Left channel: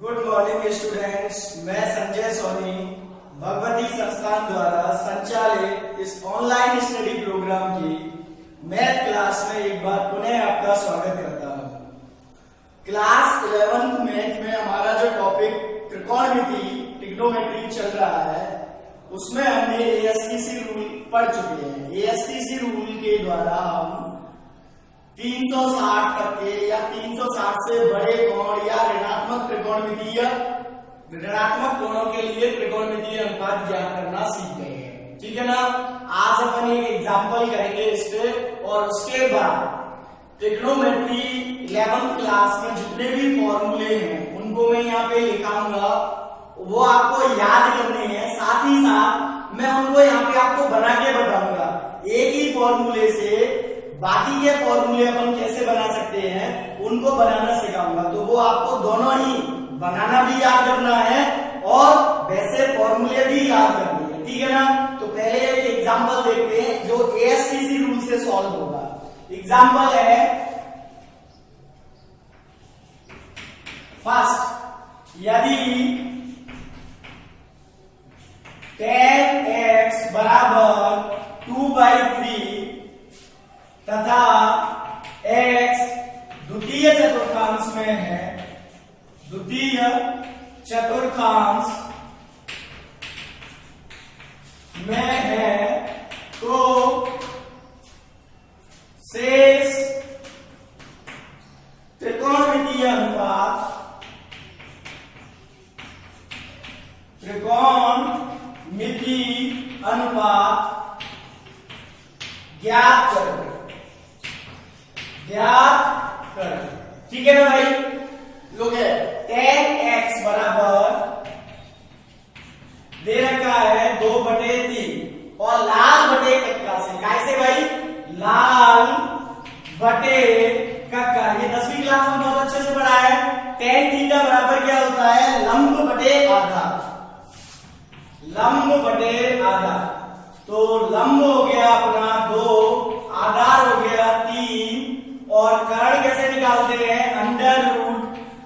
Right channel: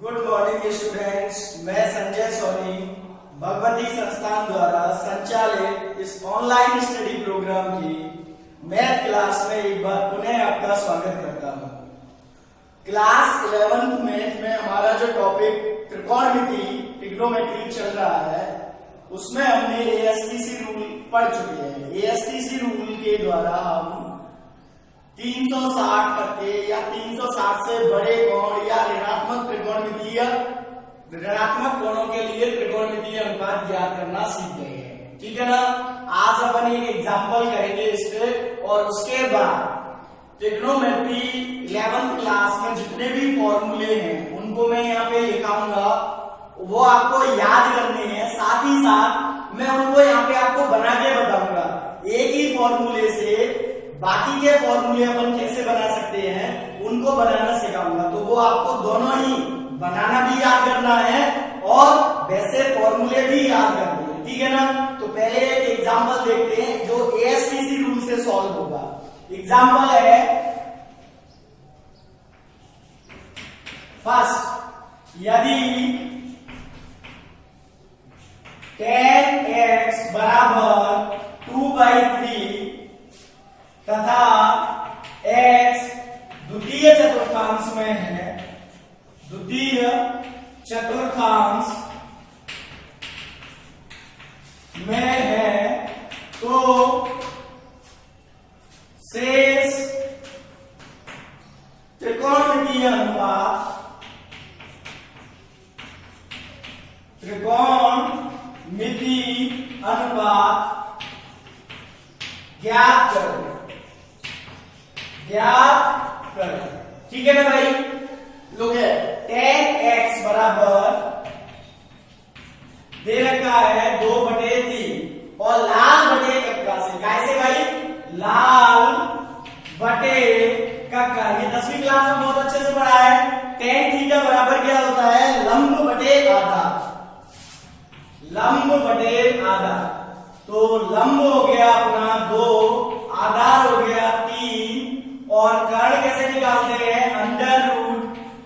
Good morning students, मैं संजय सोनी भगवती संस्थान द्वारा संचालित इस ऑनलाइन स्टडी प्रोग्राम की मैथ क्लास में एक बार पुनः आपका स्वागत करता हूं। क्लास 11th मैथ में हमारा जो टॉपिक त्रिकोणमिति ट्रिग्नोमेट्री चल रहा है उसमें हमने एएसटीसी रूल पढ़ चुके हैं। एएसटीसी रूल के द्वारा हम 360 तक के या 360 से बड़े कोण या ऋणात्मक त्रिकोणमितीय ऋणात्मक कोणों के लिए त्रिकोणमितीय अनुपात ज्ञात करना सीख गए हैं। ठीक है ना। आज अपन एक एग्जांपल करेंगे इस पे और उसके बाद ट्रिग्नोमेट्री 11th क्लास में जितने भी फॉर्मूले हैं उनको मैं यहाँ पे लिखाऊंगा, वो आपको याद करने हैं। साथ ही साथ मैं उनको यहाँ पे आपको बना के बताऊंगा। एक ही फॉर्मूले से बाकी के फॉर्मूले अपन कैसे बना सकते हैं उनको बनाना सिखाऊंगा। तो वो आपको दोनों ही बनाना भी याद करना है और वैसे फॉर्मूले भी याद करने हैं। ठीक है ना। तो पहले एक एग्जांपल देखते हैं जो एएसटीसी रूल से सॉल्व होगा। एग्जांपल है फर्स्ट, यदि 10x बराबर 2/3 तथा x द्वितीय चतुर्थांश में है, द्वितीय चतुर्थांश में है, तो शेष त्रिकोणमितीय अनुपात ज्ञात करो। ठीक है ना भाई। लोग 10x बराबर दे रखा है 2/3 और लाल बटे कक्का से, कैसे भाई, लाल बटे कक्का। ये 10वीं क्लास में बहुत अच्छे से पढ़ा है। tan थीटा बराबर क्या होता है, लंब बटे आधा। लंब बटे आधा, तो लंब हो गया अपना 2, आधार हो गया 3 और कर्ण कैसे निकालते हैं, अंडर रूट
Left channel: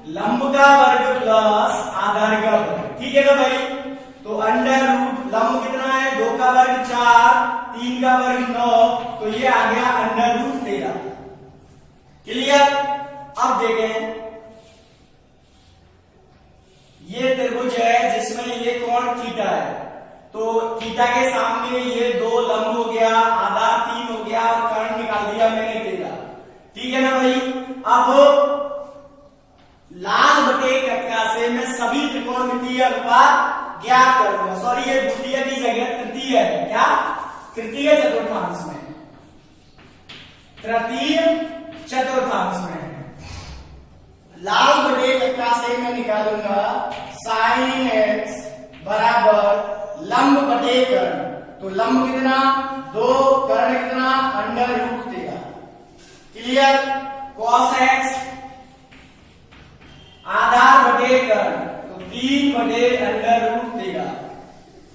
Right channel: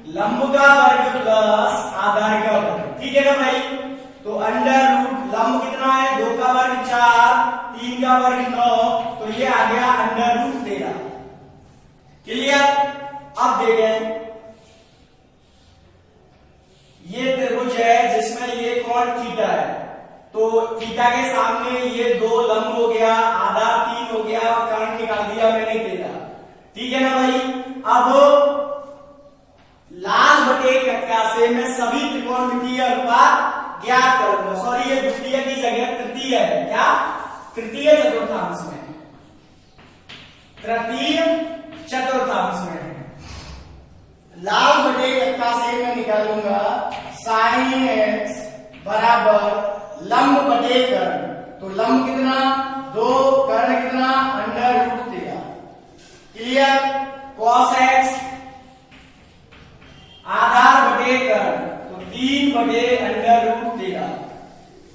लंब का वर्ग प्लस आधार का वर्ग। ठीक है ना भाई। तो अंडर रूट लंब कितना है, 2 का वर्ग 4, 3 का वर्ग 9, तो ये आ गया अंडर रूट 13। क्लियर। अब देखें, ये त्रिभुज है जिसमें ये कोण थीटा है, तो थीटा के सामने ये 2 लंब हो गया, आधार 3 हो गया और कर्ण निकाल दिया मैंने 13। ठीक है ना भाई। अब लाल बटे कक्का से मैं सभी त्रिकोणमितीय अनुपात ज्ञात करूंगा। सॉरी, ये द्वितीय की जगह तृतीय है। क्या, तृतीय चतुर्थांश में, तृतीय चतुर्थांश में लाल बटे कक्का से मैं निकालूंगा sin x बराबर लंब बटे कर्ण। तो लंब कितना, 2, कर्ण कितना, under root 13। Clear. cos x आधार बटे कर्ण, तो 3 बटे अंडर रूट 13।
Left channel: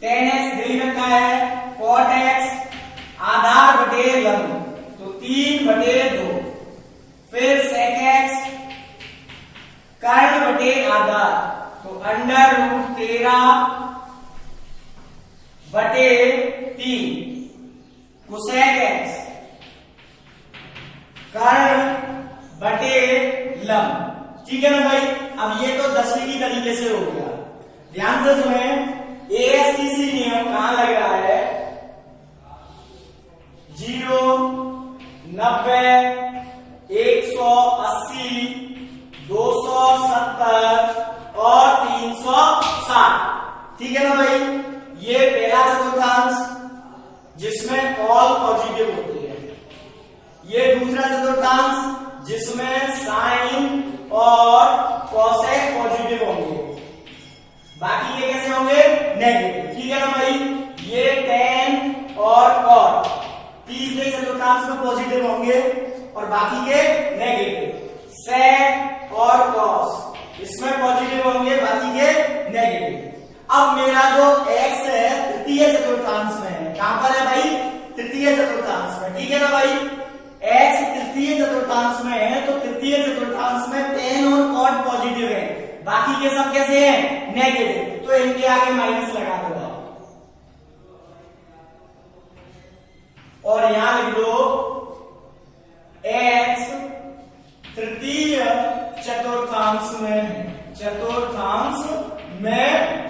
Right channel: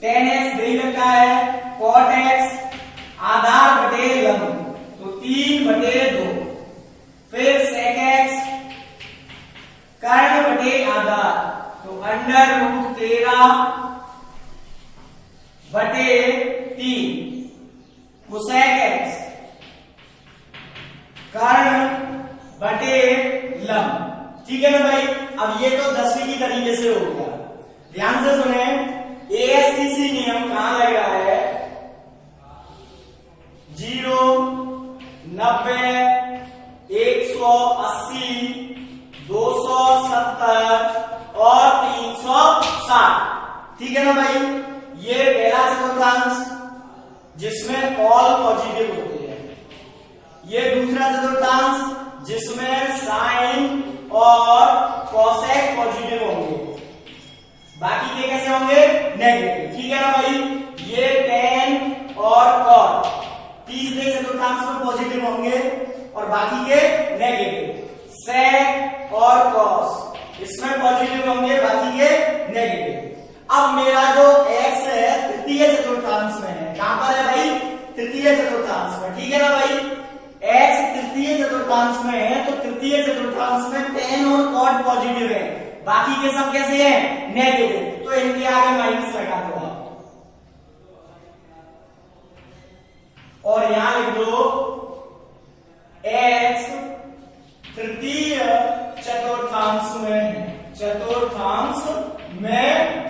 tan x दे रखा है, cot x आधार बटे लंब, तो 3 बटे 2। फिर sec x कर्ण बटे आधार, तो अंडर रूट 13 बटे 3। cosec x कर्ण बटे लंब। ठीक है ना भाई। अब ये तो 10वीं की तरीके से हो गया। ध्यान से सुने, एएसटीसी नियम कहां लग रहा है, 0, 90, 180, 270 और 360। ठीक है ना भाई। ये पहला चतुर्थांश जिसमें ऑल पॉजिटिव होते हैं, ये दूसरा चतुर्थांश जिसमें साइन और कॉसेक पॉजिटिव होंगे, बाकी के कैसे होंगे, नेगेटिव। ठीक है ना भाई। ये tan और cot तीसरे चतुर्थांश में पॉजिटिव होंगे और बाकी के नेगेटिव। sec और cos इसमें पॉजिटिव होंगे, बाकी के नेगेटिव। अब मेरा जो x है तृतीय चतुर्थांश में है। कहां पर है भाई, तृतीय चतुर्थांश में। ठीक है ना भाई। x तृतीय चतुर्थांश में है तो तृतीय चतुर्थांश में tan और cot पॉजिटिव है, बाकी के सब कैसे हैं, नेगेटिव, तो इनके आगे माइनस लगा दो आप, और यहां लिख दो x तृतीय चतुर्थांश में है, चतुर्थांश में।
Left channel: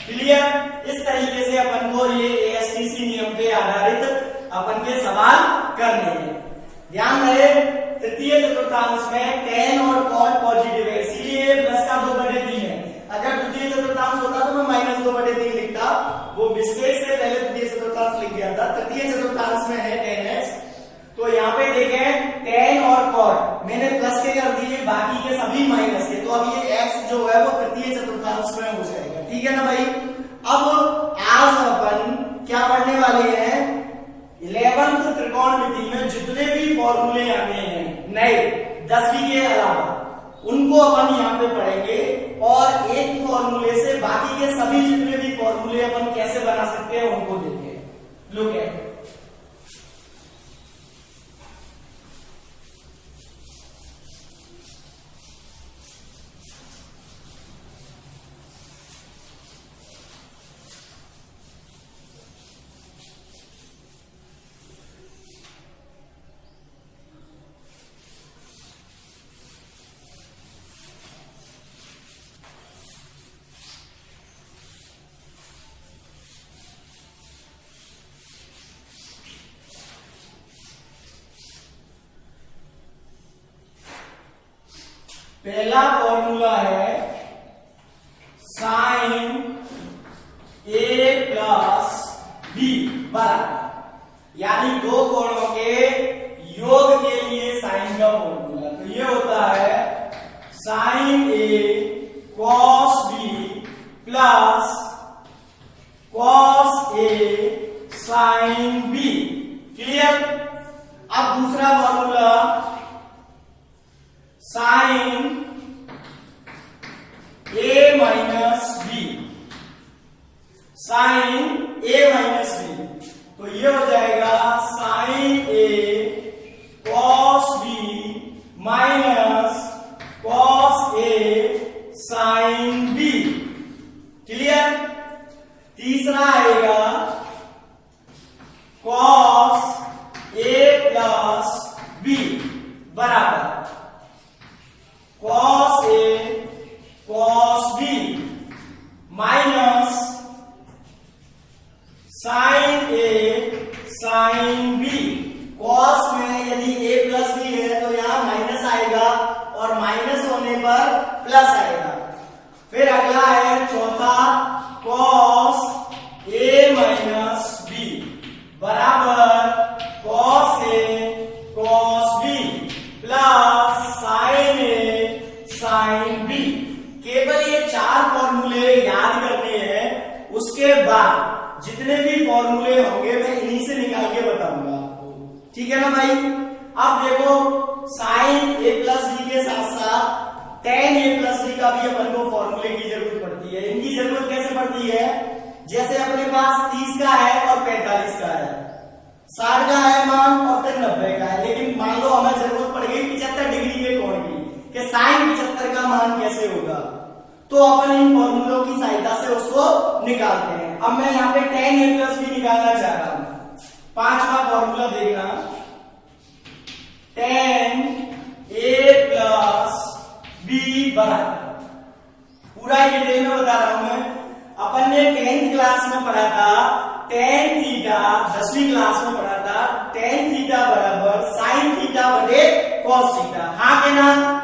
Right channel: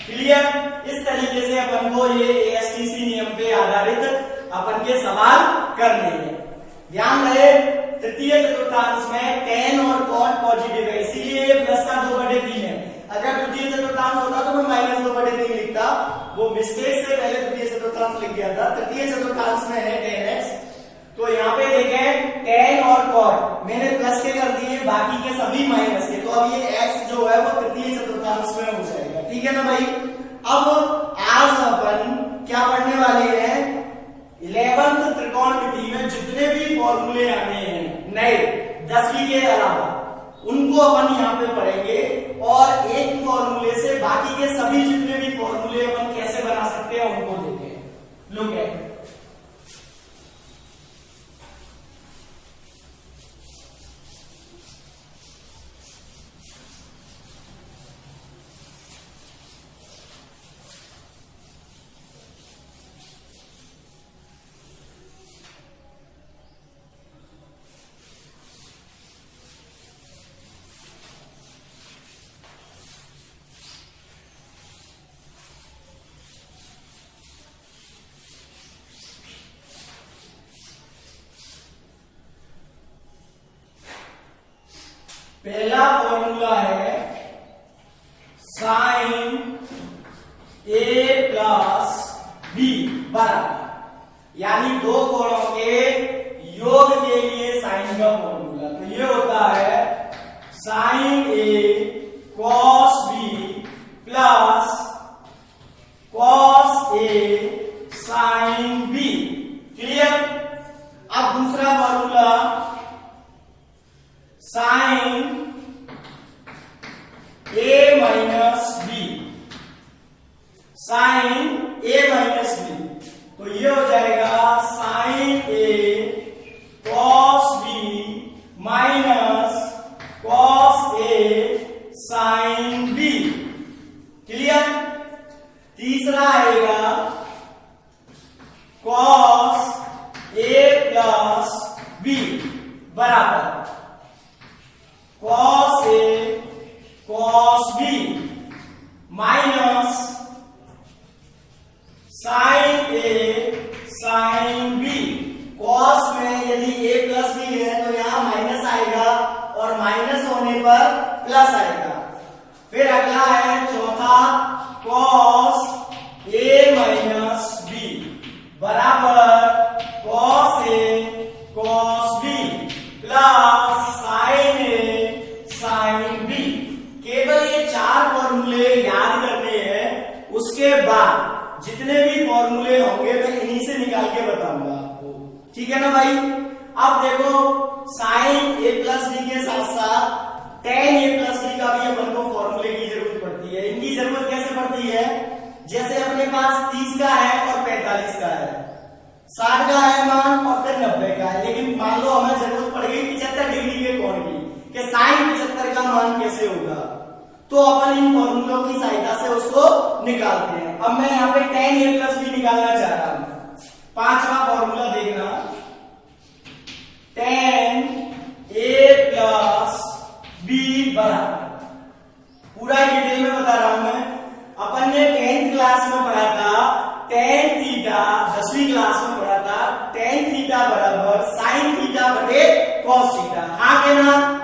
क्लियर। इस तरीके से अपन को ये एएसटीसी नियम पे आधारित अपन के सवाल करने हैं। ध्यान रहे तृतीय चतुर्थांश में tan और cot पॉजिटिव है, इसीलिए प्लस का 2/3 है। अगर तृतीय चतुर्थांश होता तो मैं -2/3 लिखता, वो मिस्टेक से पहले तृतीय चतुर्थांश लिख गया था। तृतीय चतुर्थांश में है tan x, तो यहाँ पे देखें tan और cot मैंने प्लस के कर दिए, बाकी के सभी माइनस के, तो अब ये x जो है वो तृतीय चतुर्थांश में हो जाएगा। ठीक है ना भाई। अब आज अपन क्या पढ़ने वाले हैं, 11th त्रिकोणमिति में जितने भी फॉर्मूले आने हैं नए 10वीं के अलावा, उनको अपन यहाँ पे पढ़ेंगे, और एक फॉर्मूले से बाकी के सभी जितने भी फॉर्मूले अपन कैसे बना सकते हैं उनको देखें। लुक एट, पहला फॉर्मूला है साइन ए प्लस बी बराबर, यानी दो कोणों के योग के लिए साइन का फॉर्मूला। तो ये होता है sign A cos B plus cos A sine B. Clear. अब दूसरा फॉर्मूला साइन ए माइनस बी, साइन ए माइनस बी, तो ये हो जाएगा sign A cos B minus cos A sine B. Clear. तीसरा आएगा कॉस ए प्लस बी बराबर cos A cos B minus sign A sine B. Cos में यदि ए plus B है तो यहां माइनस आएगा, और माइनस होने पर प्लस आएगा। फिर अगला है चौथा कॉस ए माइनस बी बराबर cos A cos B plus sine A sine B. केवल ये 4 फॉर्मूले याद करने हैं, उसके बाद जितने भी फॉर्मूले होंगे मैं इन्हीं से निकाल के बताऊंगा आपको। ठीक है ना भाई। अब देखो साइन ए प्लस बी के साथ साथ tan ए प्लस बी का भी अपन को फॉर्मूले की जरूरत पड़ती है। इनकी जरूरत कैसे पड़ती है, जैसे अपने पास 30 का है और 45 का है, 60 का है मान और फिर 90 का है, लेकिन मान लो हमें जरूरत पड़ गई 75 डिग्री के कोण की, कि साइन 75 का मान कैसे होगा, तो अपन इन फॉर्मूलों की सहायता से उसको निकालते हैं। अब मैं यहाँ पे tan ए प्लस बी निकालना चाह रहा हूं। 5वां फॉर्मूला देखना, tan ए प्लस बी बराबर, पूरा डिटेल में बता रहा हूं मैं। अपन ने 10th क्लास में पढ़ा था tan थीटा, 10वीं क्लास में पढ़ा था tan थीटा बराबर साइन थीटा बटे कॉस थीटा। हाँ कहना।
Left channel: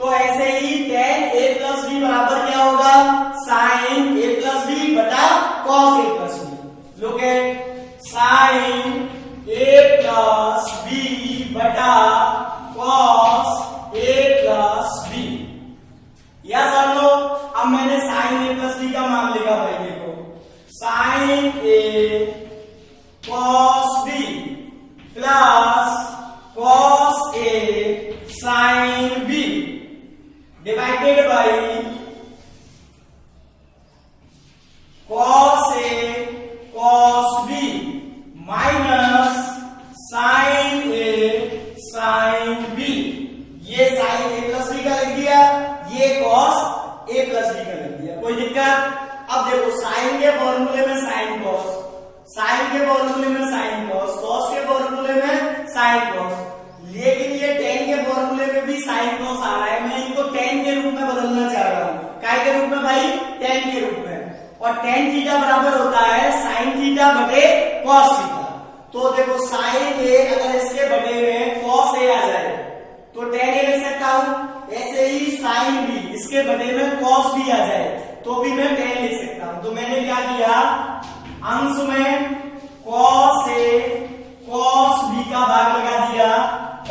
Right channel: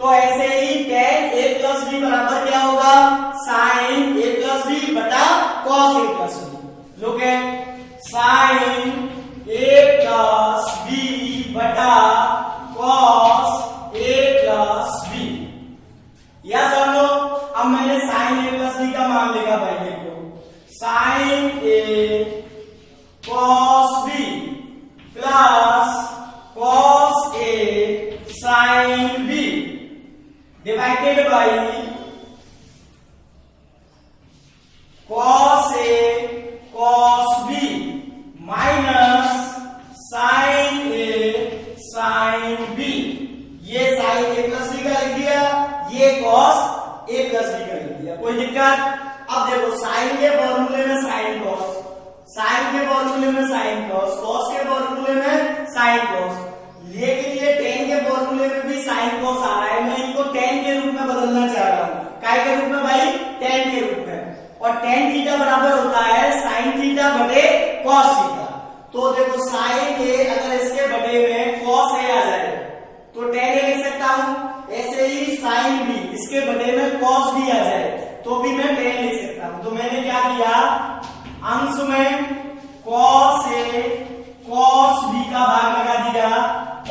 तो ऐसे ही tan ए प्लस बी बराबर क्या होगा, साइन ए प्लस बी बटा cos A plus B. Look at sine A plus B बटा cos A plus B. Yes और नो। अब मैंने साइन ए प्लस बी का मान लिखा भाई, देखो sine A cos B plus cos A sine B divided by cos A cos B minus फॉर्मूले में साइन कॉस, कॉस के फॉर्मूले में साइन कॉस, लेकिन ये टेन के फॉर्मूले में भी साइन कॉस आ रहा है। मैं इनको टेन के रूप में बदलना चाह रहा हूँ। काय के रूप में भाई? टेन के रूप में। और टेन थीटा बराबर होता है साइन थीटा बटे कॉस थीटा। तो देखो साइन ए अगर इसके बटे में कॉस ए आ जाए तो टेन ए लिख सकता हूं। ऐसे ही साइन बी इसके बटे में कॉस बी आ जाए तो भी मैं टेन लिख सकता हूं। तो मैंने क्या किया, अंश में कॉस ए कॉस बी का भाग लगा दिया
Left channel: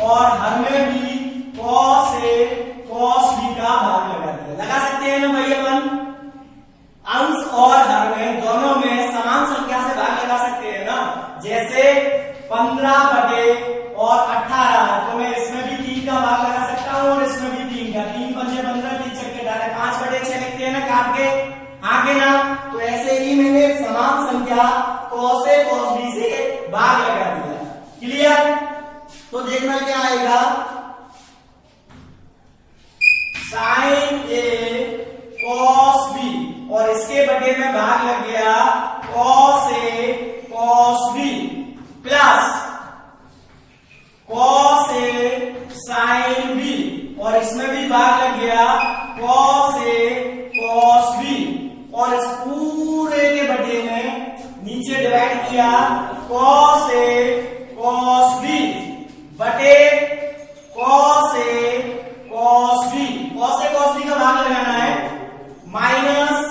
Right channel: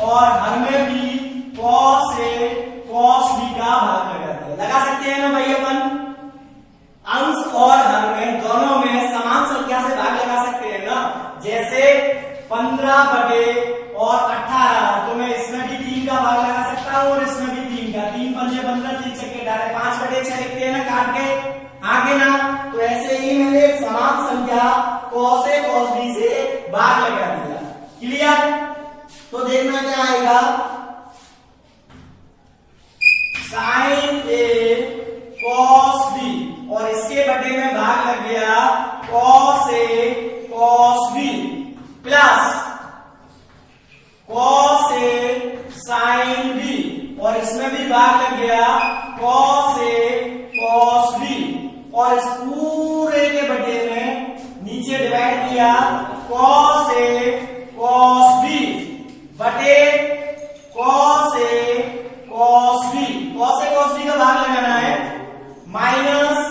और हर में भी कॉस ए कॉस बी का भाग लगा दिया। लगा सकते हैं ना भाई अपन? अंश और हर में दोनों में समान संख्या से भाग लगा सकते हैं ना। जैसे 15 बटे और 18, तो मैं इसमें भी 3 का भाग लगा सकता हूँ और इसमें भी 3 का। 3 पंजे 15, 3 छक्के 18, 5 बटे 6 लिखते हैं ना काट के, आगे ना। तो ऐसे ही मैंने समान संख्या कॉस ए कॉस बी से भाग लगा दिया। क्लियर? तो देखना क्या आएगा, साइन ए कॉस बी और इसके बटे में भाग लग गया cos A cos B plus cos A sine B और इसमें भी भाग लग गया कॉस ए कॉस बी और इस पूरे के बटे में नीचे डिवाइड किया कॉस ए कॉस बी बटे cos A cos B. Cos A cos B का भाग लगाना है minus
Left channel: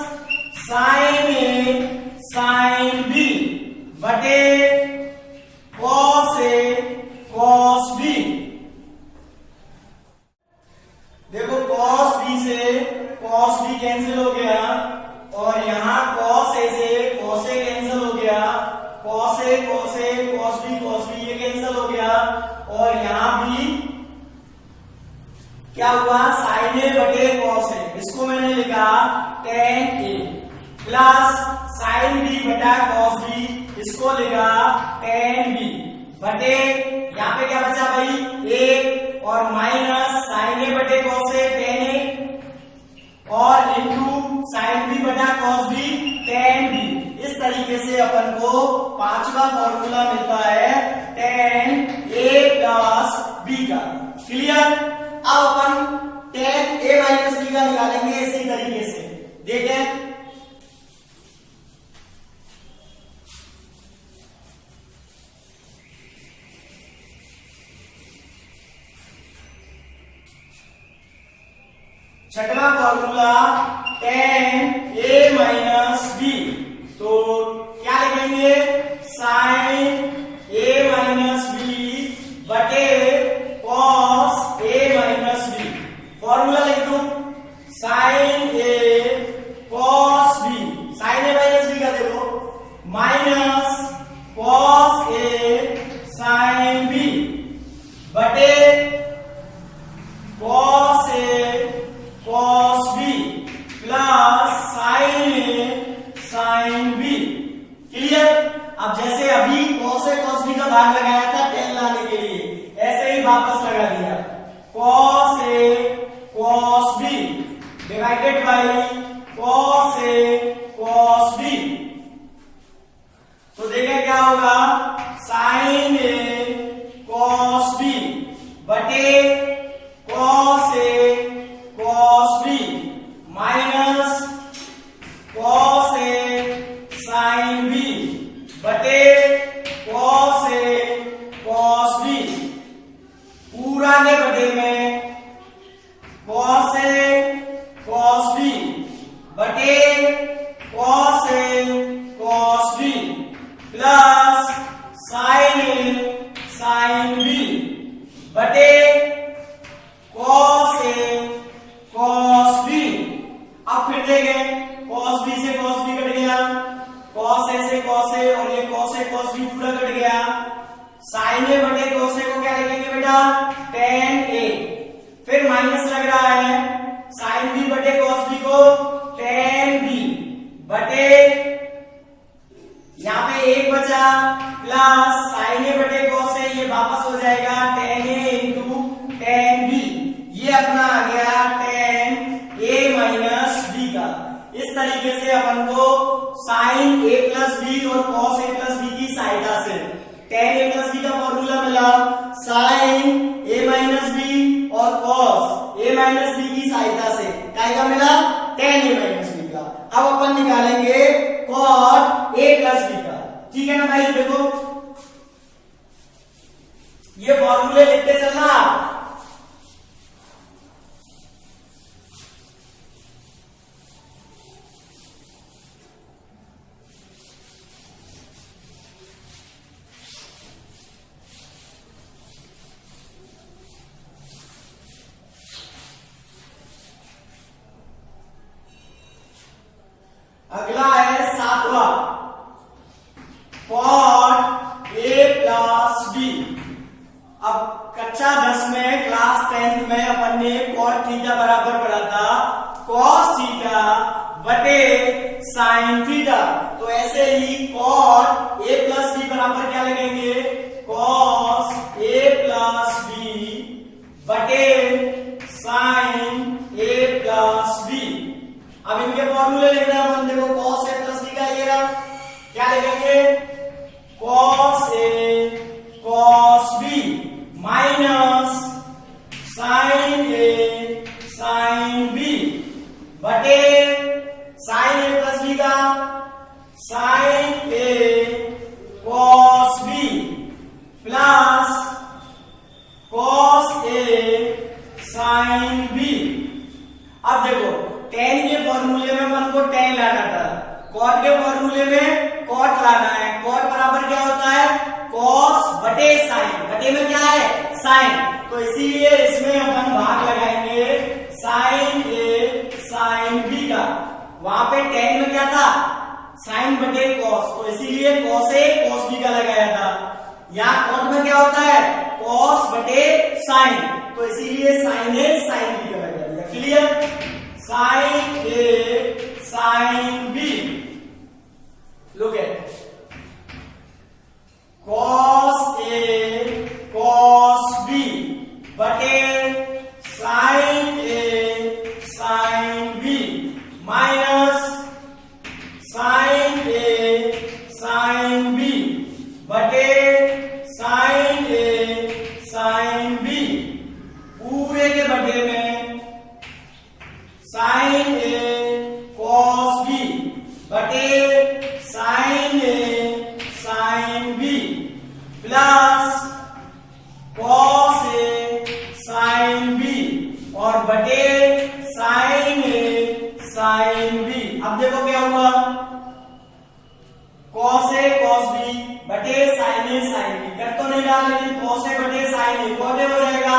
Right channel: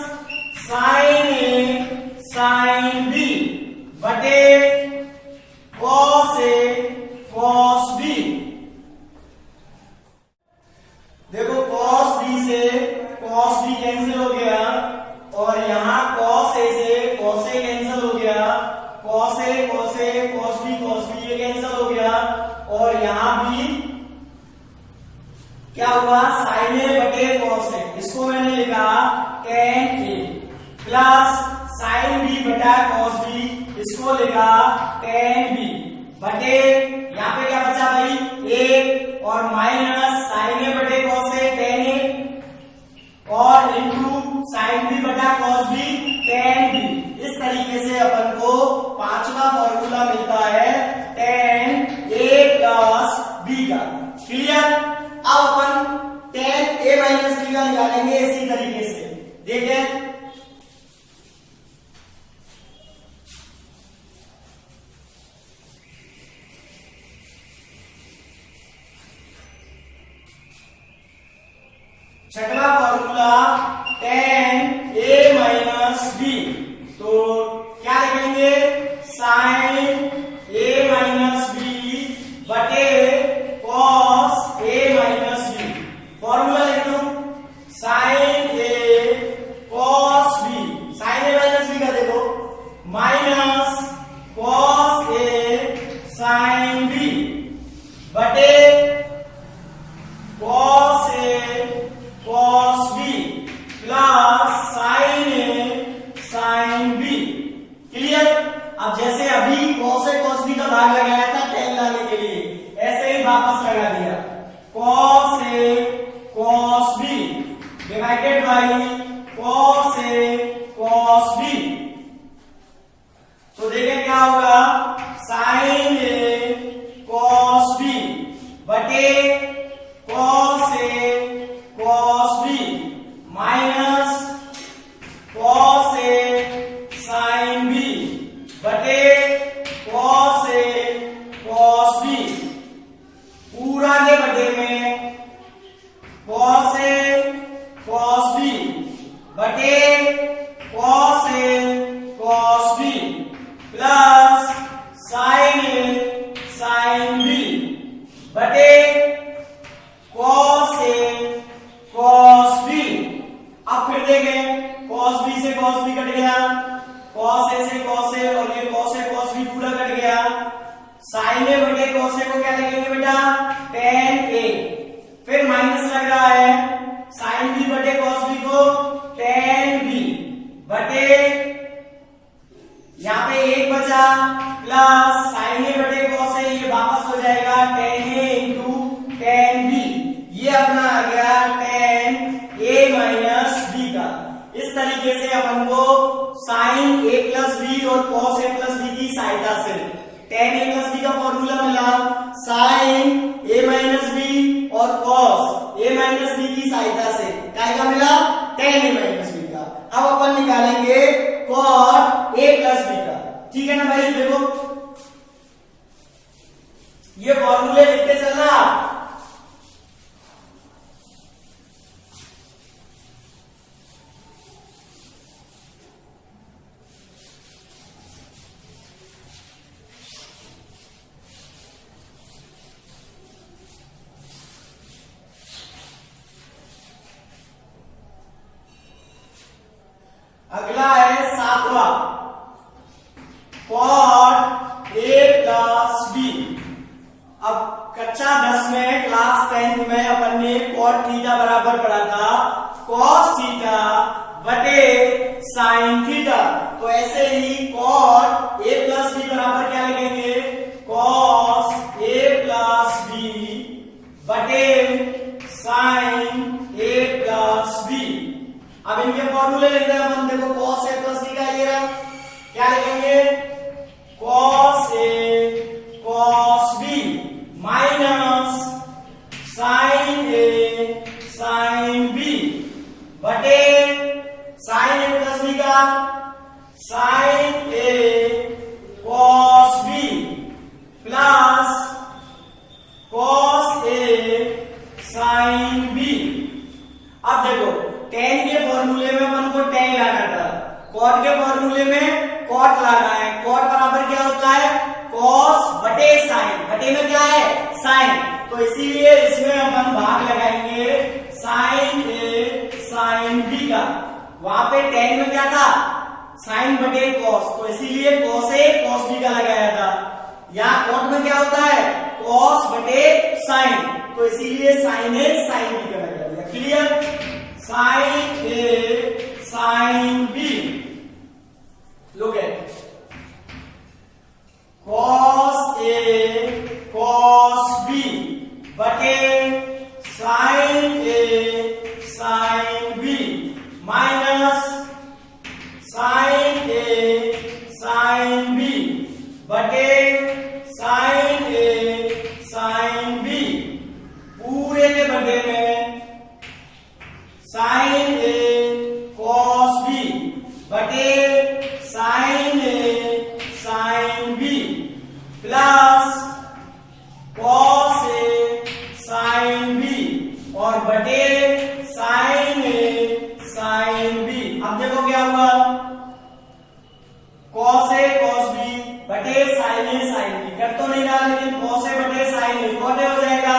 sign A sine B बटे कॉस ए कॉस बी। देखो कॉस बी से कॉस बी कैंसिल हो गया और यहां कॉस ए से कॉस ए कैंसिल हो गया, कॉस ए कॉस बी ये कैंसिल हो गया और यहां भी क्या हुआ, साइन ए बटे कॉस ए। इसको मैंने लिखा टेन ए प्लस साइन बी बटा कॉस बी, इसको लिखा टेन बी बटे यहाँ पे क्या बचा भाई, ए और माइनस साइन ए बटे कॉस ए टेन ए और इंटू साइन बी बटा कॉस बी टेन बी। इस तरीके से अपन को पांचवा फॉर्मूला मिलता है टेन ए प्लस बी का। क्लियर? अब अपन टेन ए माइनस बी का निकालेंगे इसी तरीके से। देखें छठवां फॉर्मूला टेन ए माइनस बी, तो क्या लिखेंगे, साइन ए माइनस बी बटे कॉस ए माइनस बी। फॉर्मूला लिख दूं, sign A cos B, sign A minus B का देखो minus cos A sine B बटे cos A cos B plus sine A sine B. Clear? अब जैसे अभी कॉस ए कॉस बी का भाग लगाया था टेन लाने के लिए, ऐसे ही वापस लगा दिया cos A cos B divided by cos A cos B. तो देखें क्या होगा, साइन ए कॉस बी बटे cos A cos B minus cos A sine B बटे कॉस ए कॉस बी पूरा के बटे में कॉस ए कॉस बी बटे cos A cos B plus sine A sine B बटे कॉस ए कॉस बी। अब फिर देखें कॉस बी से कॉस बी कट गया, कॉस ए से कॉस ए और ये कॉस ए कॉस बी पूरा कट गया। साइन ए बटे कॉस ए को क्या लिखेंगे बेटा, टेन ए, फिर माइनस लग रहा है साइन बी बटे कॉस बी को टेन बी बटे यहाँ पे एक बचा प्लस साइन ए बटे कॉस ए, ये वापस हो जाएगा टेन ए इंटू टेन बी। ये अपना आ गया टेन ए माइनस बी का। इस तरीके से अपन को साइन ए प्लस बी और कॉस ए प्लस बी की सहायता से tan a प्लस बी का फॉर्मूला मिला sin a माइनस बी और cos a माइनस बी की सहायता से काय का मिला tan a माइनस बी का। अब अपन निकालेंगे cot a प्लस बी का। ठीक है ना भाई, देखो ये फॉर्मूले लिख के चलना। अगला है 7वां cot a प्लस बी। अब कक्षा 10 में क्लास 10 में अपन ने cot थीटा बराबर पढ़ा था cos थीटा बटे sin थीटा। तो ऐसे ही cot a प्लस बी बराबर क्या लगेंगे cos a प्लस बी बटे sin a प्लस बी। अब इनके फॉर्मूले लिख रहे हैं अपन, देखो cos a प्लस बी का ये रहा, क्या लिखेंगे cos a cos b minus sin a sin b बटे sin a प्लस b का sin a cos b plus cos a sin b। अब देखो tan के फॉर्मूले में अपन को tan लाना था, cot के फॉर्मूले में cot लाना है। cot बराबर क्या होता है cos बटे sin, बटे में क्या है sin, तो इसीलिए इसमें अपन भाग लगाएंगे sin a sin b का। वहां पे tan में क्या था sin बटे cos, तो इसीलिए cos a cos b का लगाया था। यहाँ cot में क्या होता है cos बटे sin, तो इसीलिए sin a sin b का लगा दिया। Clear, sin a sin b। Look at cos a cos b बटे sin a sin b minus sin a sin b बटे sin a sin b पूरे के बटे में sin a cos b बटे sin a sin b plus cos a sin b और बटे sin a sin b। अब देखो क्या हुआ cos a cos b बटे sin a sin b, कर तो नहीं रहा लेकिन cos a बटे sin a cot a हो जाएगा,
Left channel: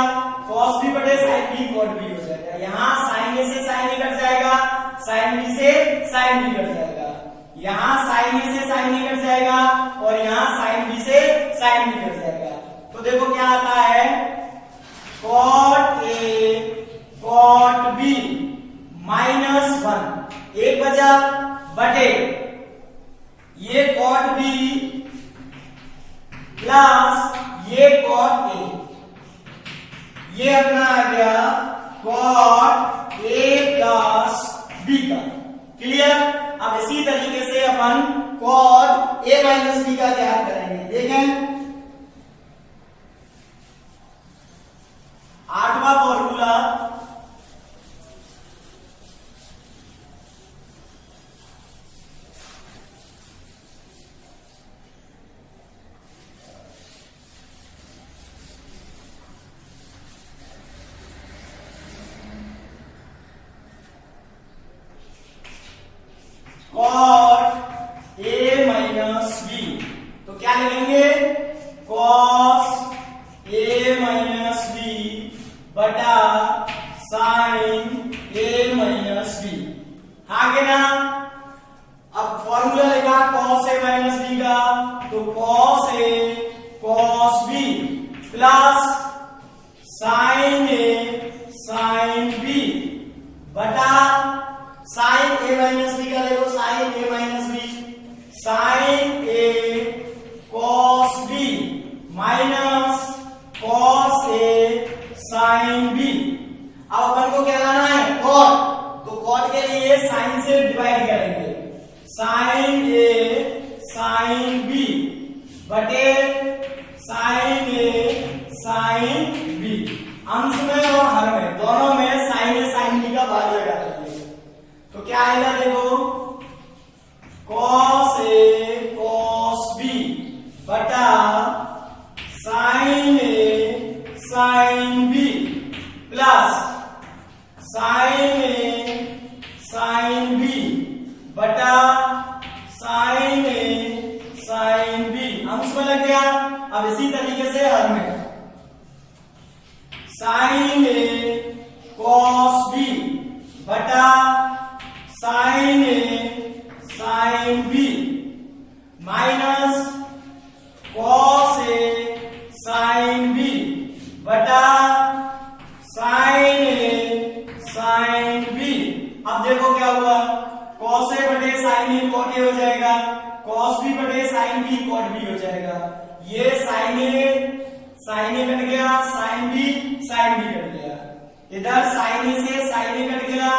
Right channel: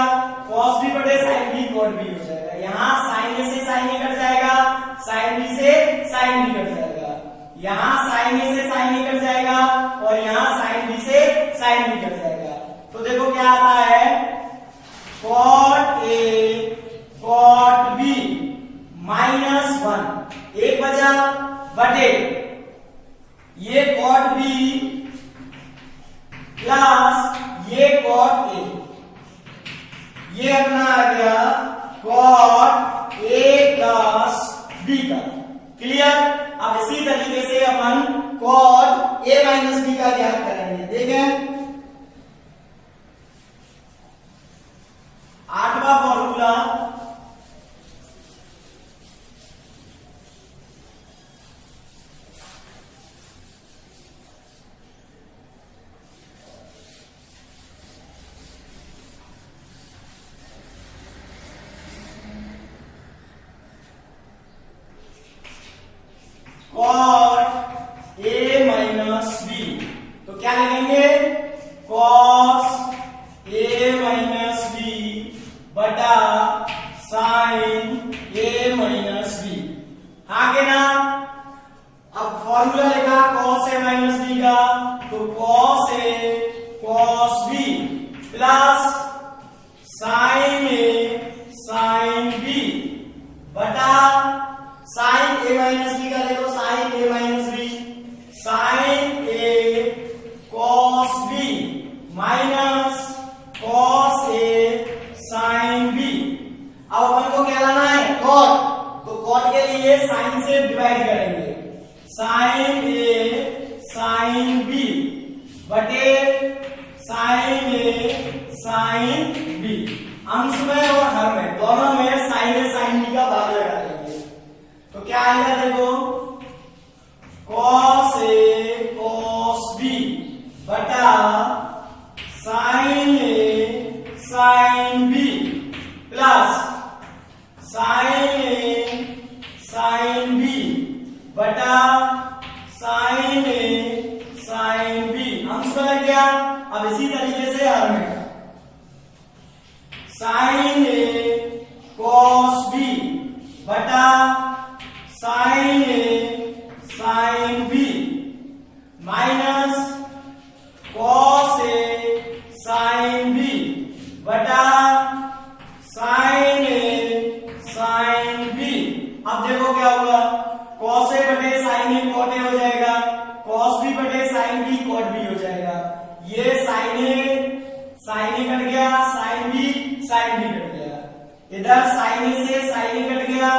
cos b बटे sin b cot b हो जाएगा। यहाँ sin a से sin a कट जाएगा, sin b से sin b कट जाएगा, यहाँ sin a से sin a कट जाएगा और यहाँ sin b से sin b कट जाएगा। तो देखो क्या आता है cot a cot b minus 1 एक बचा बटे ये cot b प्लस ये cot a, ये अपना आ गया cot a प्लस b का। क्लियर, अब इसी तरीके से अपन cot a माइनस b का ज्ञात करेंगे। देखें 8वां formula cot a minus b, तो क्या लिखेंगे cos a माइनस b बटा sin a माइनस b। हाँ के ना, अब फॉर्मूला लिखा cos a माइनस b का, तो cos a cos b plus sin a sin b बटा sin a माइनस b का देखो sin a minus b sin a cos b minus cos a sin b। अब अपन को क्या लाना है cot, तो cot के लिए sin से डिवाइड करेंगे sin a sin b बटे साइन ए साइन बी, अंश में और हर में दोनों में साइन ए साइन बी का भाग लगा देंगे। तो क्या आएगा देखो, कॉस ए कॉस बी बटा sign A sine B plus sine A sine B बटा साइन ए साइन बी, अंश में लग गया। अब इसी तरीके से हर में साइन ए कॉस बी बटा sign A sine B minus cos A sine B बटा साइन ए साइन बी। अब देखो क्या हुआ, कॉस ए बटे साइन ए कॉट ए हो जाएगा, कॉस बी बटे साइन बी कॉट बी हो जाएगा। ये साइन ए कट गया, साइन बी कट गया, इधर साइन ए से साइन ए कट गया,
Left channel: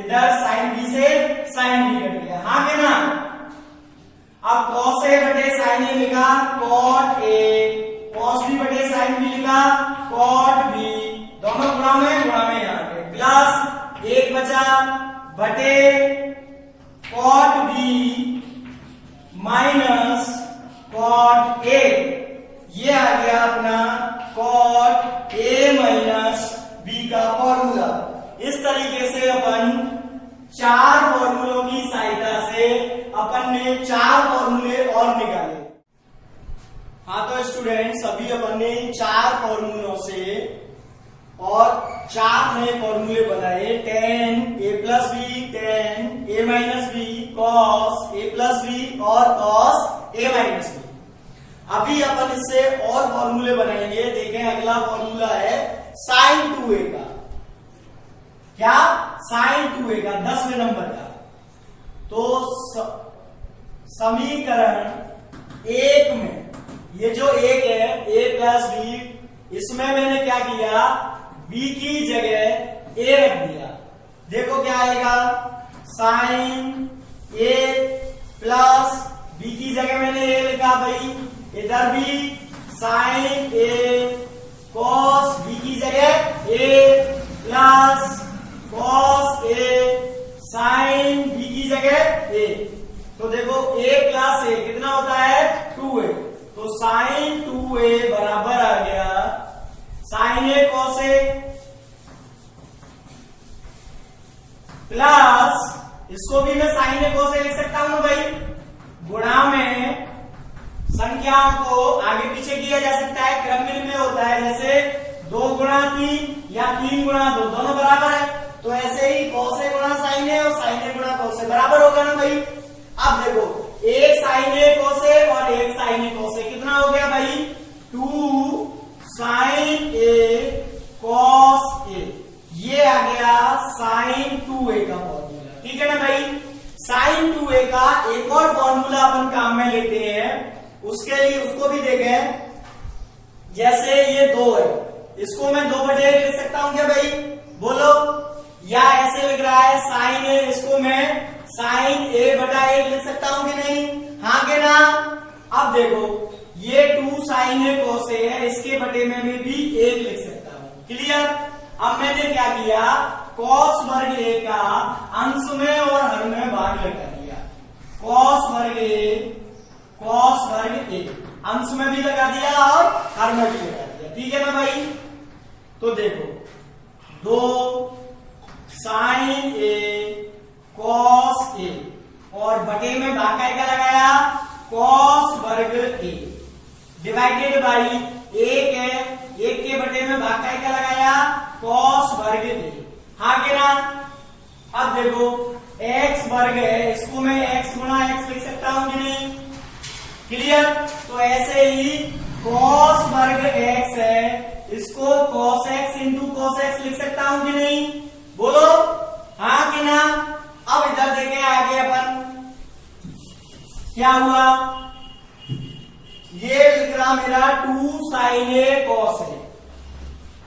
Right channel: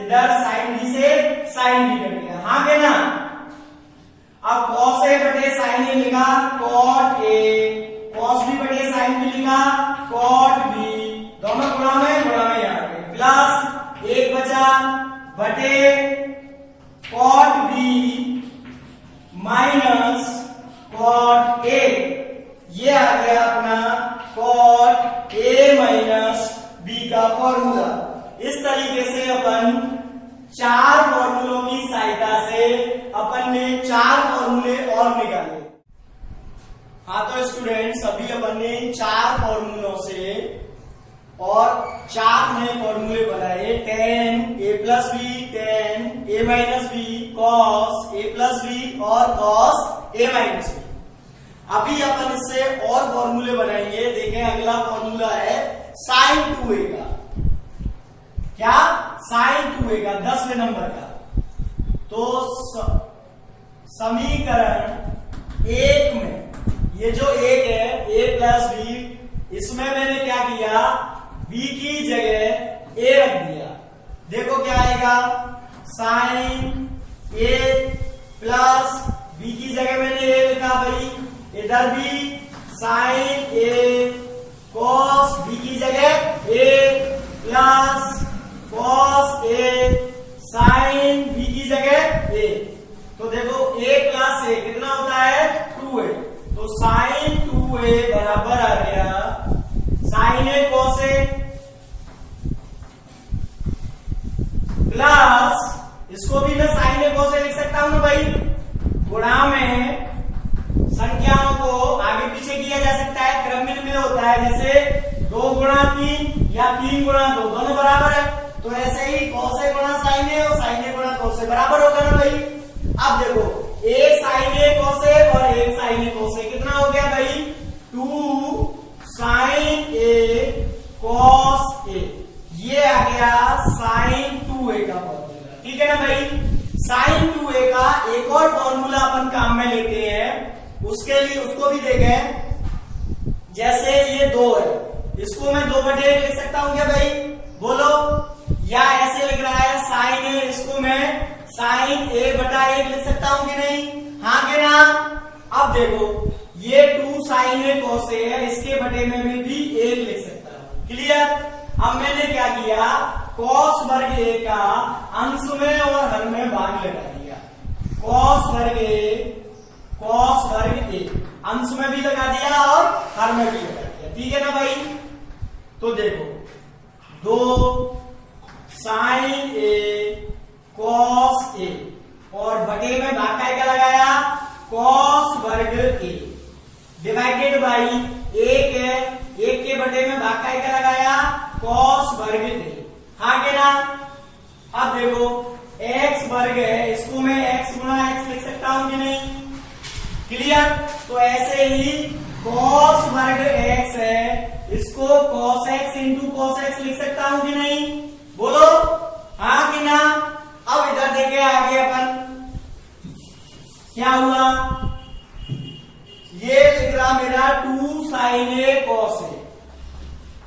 इधर साइन बी से साइन बी कट गया, हाँ के ना। अब कॉस ए बटे साइन ए लिखा कॉट ए, कॉस बी बटे साइन बी लिखा कॉट बी, दोनों गुणा में यहाँ पे प्लस एक बचा बटे cot B minus cot A, ये आ गया अपना कॉट ए माइनस बी का फॉर्मूला। इस तरीके से अपन चार फॉर्मूलों की सहायता से अपन ने चार फॉर्मूले और निकाले। हाँ तो स्टूडेंट्स, अभी अपन ने चार फॉर्मूलों से और चार नए फॉर्मूले बनाए, tan a plus B, tan a minus B, cos a plus B और cos a माइनस बी। अभी अपन इससे और फॉर्मूले बनाएंगे। देखें अगला फॉर्मूला है sin 2a का, क्या sin 2a का 10वें नंबर का। तो समीकरण एक में ये जो एक है a प्लस बी, इसमें मैंने क्या किया, b की जगह a रख दिया। देखो क्या आएगा, साइन a प्लस b की जगह मैंने a लिखा भाई, इधर भी साइन a कॉस b की जगह a plus cos a sine b की जगह a। तो देखो a प्लस a कितना होता है 2a, तो साइन 2a बराबर आ गया sine a cos a plus, इसको भी मैं साइन a कॉस a लिख सकता हूं ना भाई, गुणा में संख्याओं को आगे पीछे किया जा सकता है, क्रम में होता है, जैसे 2 गुणा 3 या 3 गुणा 2 दोनों बराबर है, तो ऐसे ही cos a गुणा sin a और sin a गुणा cos a बराबर होगा ना भाई। अब देखो एक sin a cos a और एक sin a cos a कितना हो गया भाई, 2 sin a cos a, ये आ गया sin 2a का फॉर्मूला, ठीक है ना भाई। sin 2a का एक और फॉर्मूला अपन काम में लेते हैं, उसके लिए उसको भी देखें। जैसे ये 2 है, इसको मैं 2/1 लिख सकता हूं क्या भाई, बोलो, या ऐसे लिख रहा है साइन ए, इसको मैं साइन a बटा 1 लिख सकता हूं कि नहीं, हाँ के ना। अब देखो ये 2 sin a cos a है, इसके बटे में भी 1 लिख सकता हूं, क्लियर। अब मैंने क्या किया, cos वर्ग a का अंश में और हर में भाग लगा दिया, cos वर्ग a अंश में भी लगा दिया और हर में भी लगा दिया, ठीक है ना भाई। तो देखो 2 sin a cos a और बटे में भाग का लगाया cos वर्ग a डिवाइडेड बाई 1 है, 1 के बटे में भाग का लगाया cos वर्ग a, हाँ के ना। अब देखो x वर्ग है, इसको मैं x गुणा x लिख सकता हूं कि नहीं, क्लियर। तो ऐसे ही cos वर्ग x है, इसको cos x into cos x लिख सकता हूं कि नहीं, बोलो, हाँ कि ना। अब इधर देखे आगे अपन क्या हुआ, ये लिख रहा मेरा 2 sin a cos a,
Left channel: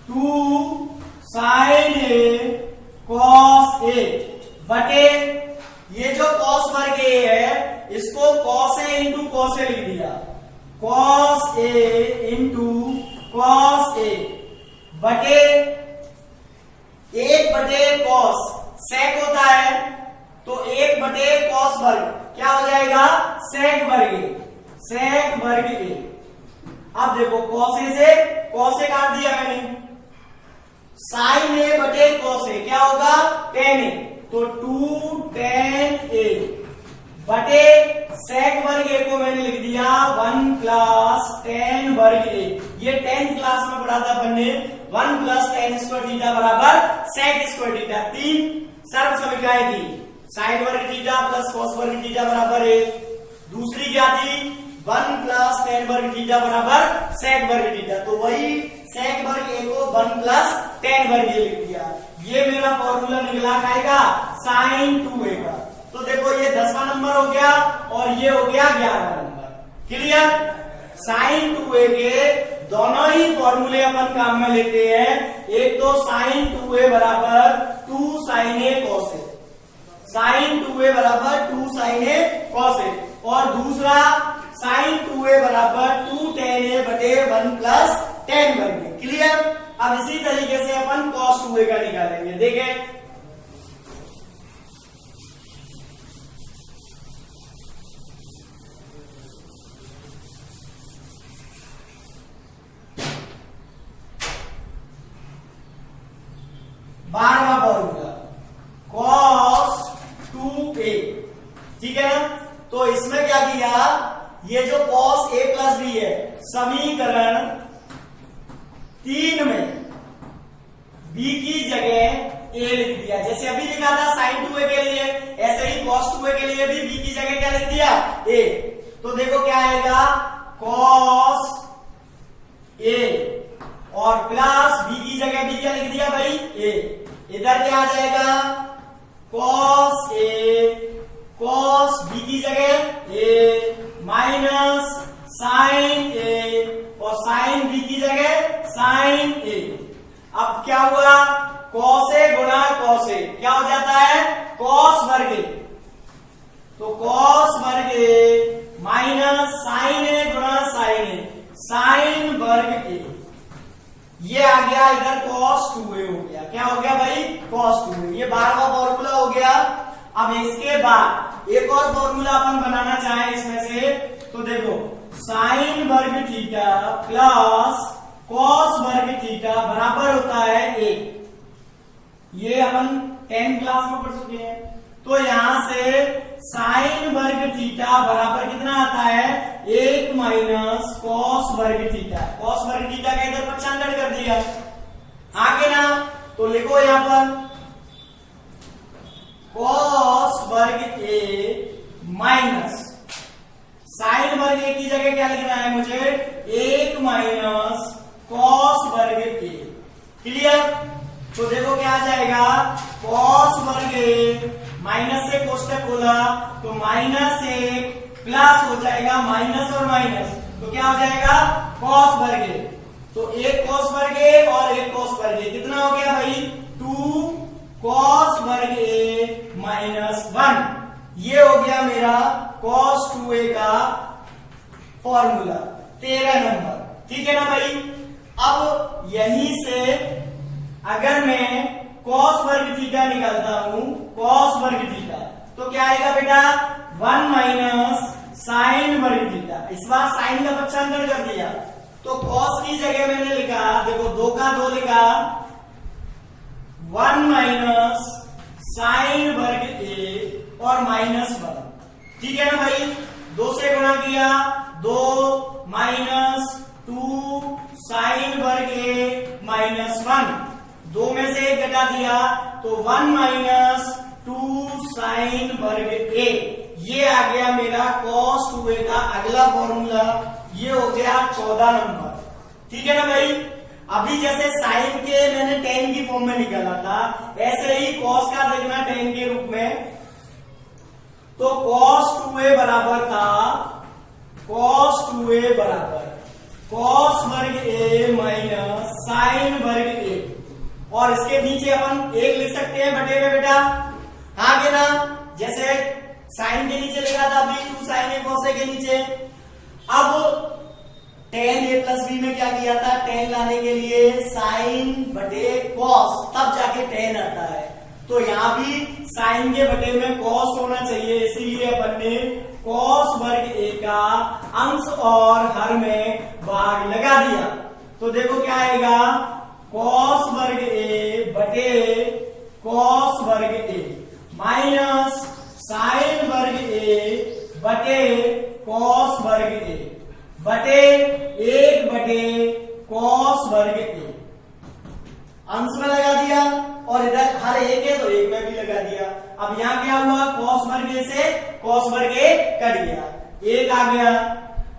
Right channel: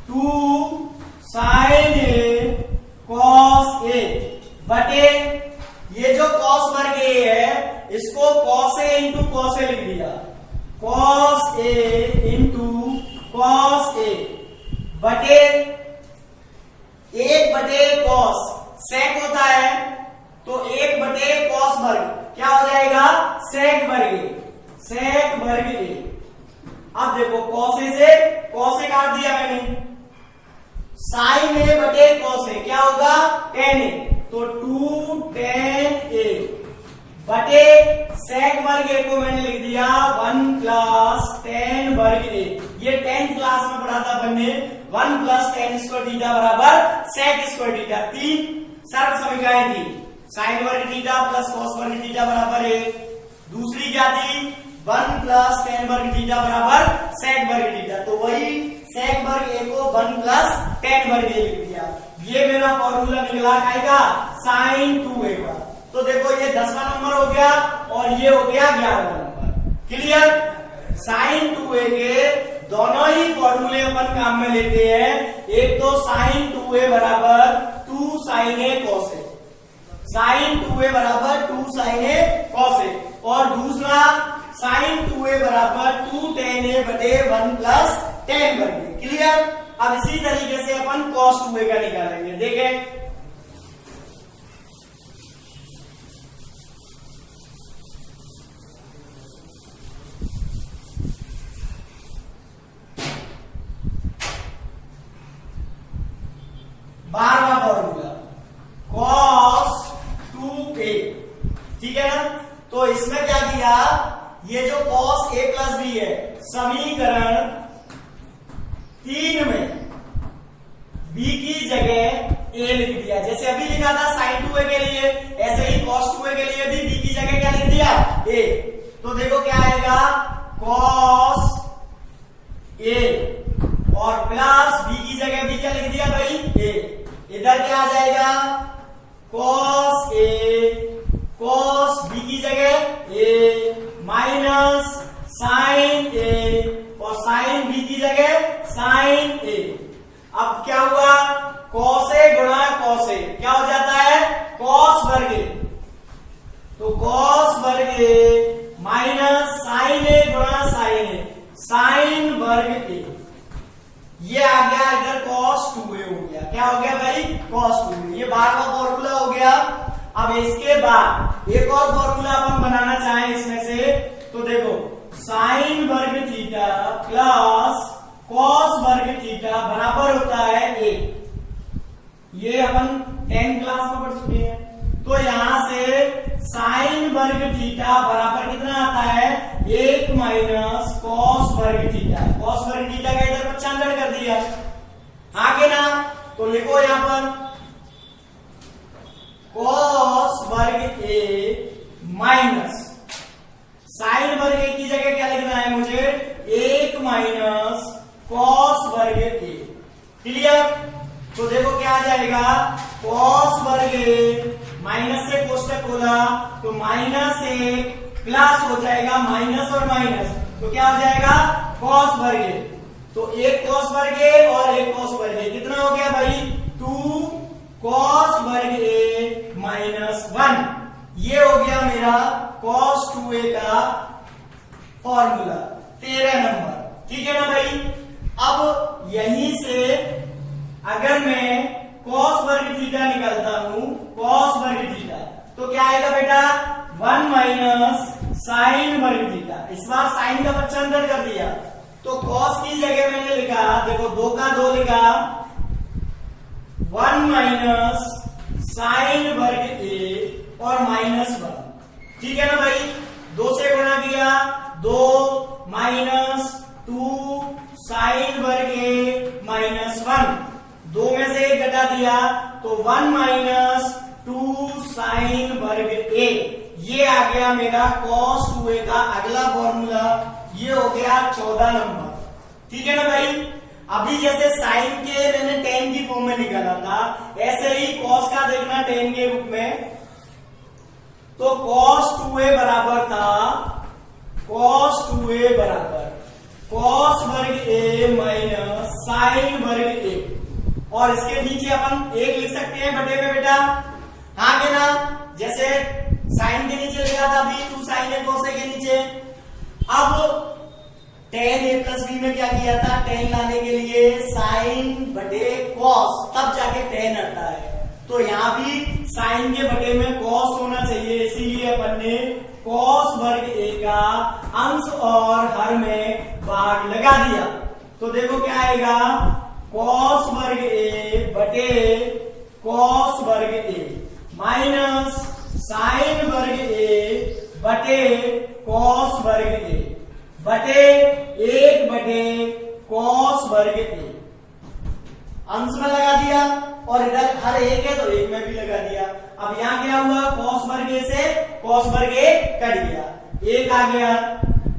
2 sin a cos a बटे ये जो cos वर्ग a है, इसको cos a into cos a लिख दिया, cos a इंटू बटे 1/cos sec होता है तो 1/cos वर्ग क्या हो जाएगा sec वर्ग a, sec वर्ग a। अब देखो cos a से cos a काट दिया मैंने, sin a बटे cos a क्या होगा tan a, तो 2 tan a बटे sec वर्ग a को मैंने लिख दिया 1 प्लस tan वर्ग a। ये 10th क्लास में पढ़ा था अपन ने 1 प्लस tan स्क्वायर थीटा बराबर sec स्क्वायर थीटा। तीन सर्व समीकरणें थी, sin वर्ग थीटा प्लस cos वर्ग थीटा बराबर 1। दूसरी क्या थी 1 प्लस tan वर्ग थीटा बराबर sec वर्ग थीटा, तो वही sec वर्ग a को 1 प्लस tan वर्ग a लिख दिया। ये मेरा फॉर्मूला निकला का sin 2a का। तो देखो ये 10वां नंबर हो गया और ये हो गया 11वां नंबर। क्लियर? sin 2a के दोनों ही फॉर्मूले अपन काम में लेते हैं। एक तो sin 2a बराबर 2 sin a cos a, sin 2a बराबर 2 sin a cos a, और दूसरा sin 2a बराबर 2 tan a बटे 1 प्लस tan वर्ग। क्लियर? अब इसी तरीके से अपन cos 2a का निकालेंगे। देखें बारहवां फॉर्मूला cos 2a, ठीक है ना। तो इसमें क्या किया, ये जो cos a प्लस b है समीकरण 3 में b की जगह a लिख दिया। जैसे अभी लिखा था sin 2a के लिए, ऐसे ही cos 2a के लिए भी b की जगह क्या लिख दिया a। तो देखो क्या आएगा cos a और प्लस b की जगह b क्या लिख दिया भाई a। इधर क्या आ जाएगा cos a, cos b की जगह a माइनस sin a और sin b की जगह sin a। अब क्या हुआ cos a गुणा cos a क्या हो जाता है cos वर्ग a, तो cos वर्ग a माइनस sin a गुणा sin a, sin वर्ग a। ये आ गया इधर cos 2a हो गया। क्या हो गया भाई cos 2a। ये 12वां फॉर्मूला हो गया। अब इसके बाद एक और फॉर्मूला अपन बनाना चाहें इसमें से, तो देखो sin वर्ग थीटा प्लस cos वर्ग थीटा बराबर होता है 1। ये अपन 10 क्लास में पढ़ चुके हैं। तो यहां से sin वर्ग थीटा बराबर कितना आता है 1 माइनस cos वर्ग थीटा। cos वर्ग थीटा का इधर पक्षांतर कर दिया आगे ना, तो लिखो यहां पर cos वर्ग a माइनस sin वर्ग a की जगह क्या लिखना है मुझे 1 माइनस cos वर्ग a। क्लियर? तो देखो क्या आ जाएगा cos वर्ग a माइनस से कोष्टक खोला तो माइनस 1 प्लस हो जाएगा माइनस और माइनस, तो क्या हो जाएगा cos वर्ग a। तो एक cos वर्ग a और एक cos वर्ग a कितना हो गया भाई 2 cos वर्ग a माइनस 1। ये हो गया मेरा cos 2a का फॉर्मूला 13 नंबर। ठीक है ना भाई। अब यहीं से अगर मैं cos वर्ग थीटा निकालता हूं, cos वर्ग थीटा, तो क्या आएगा बेटा 1 माइनस sin वर्ग थीटा। इस बार sin का पक्षांतर कर दिया तो cos की जगह मैंने लिखा, देखो 2 का 2 लिखा 1 माइनस sin वर्ग a और माइनस 1। ठीक है ना भाई। 2 से गुणा किया 2 माइनस 2 sin वर्ग a माइनस 1, 2 में से 1 घटा दिया तो 1 माइनस 2 sin वर्ग a। ये आ गया मेरा cos 2a का अगला फॉर्मूला। ये हो गया 14 नंबर। ठीक है ना भाई। अभी जैसे sin के मैंने tan की फॉर्म में निकाला था, ऐसे ही cos का देखना tan के रूप में। तो cos 2a बराबर था cos 2a बराबर cos वर्ग a माइनस sin वर्ग a, और इसके नीचे अपन 1 लिख सकते हैं बटे में बेटा। हाँ के ना, जैसे sin के नीचे लिखा था अभी 2 sin a cos a के नीचे। अब टेन ए प्लस बी में क्या किया था, टेन लाने के लिए साइन बटे कॉस, तब जाके टेन आता है। तो यहाँ भी साइन के बटे में कॉस होना चाहिए, इसीलिए अपन ने कॉस वर्ग ए का अंश और हर में भाग लगा दिया। तो देखो क्या आएगा, कॉस वर्ग ए बटे कॉस वर्ग ए माइनस साइन वर्ग ए बटे कॉस वर्ग ए बटे 1 बटे कॉस वर्ग ए। अंश में लगा दिया और इधर हर एक है तो एक में भी लगा दिया। अब यहाँ क्या हुआ, कॉस वर्ग ए से कॉस वर्ग ए कट गया, एक आ गया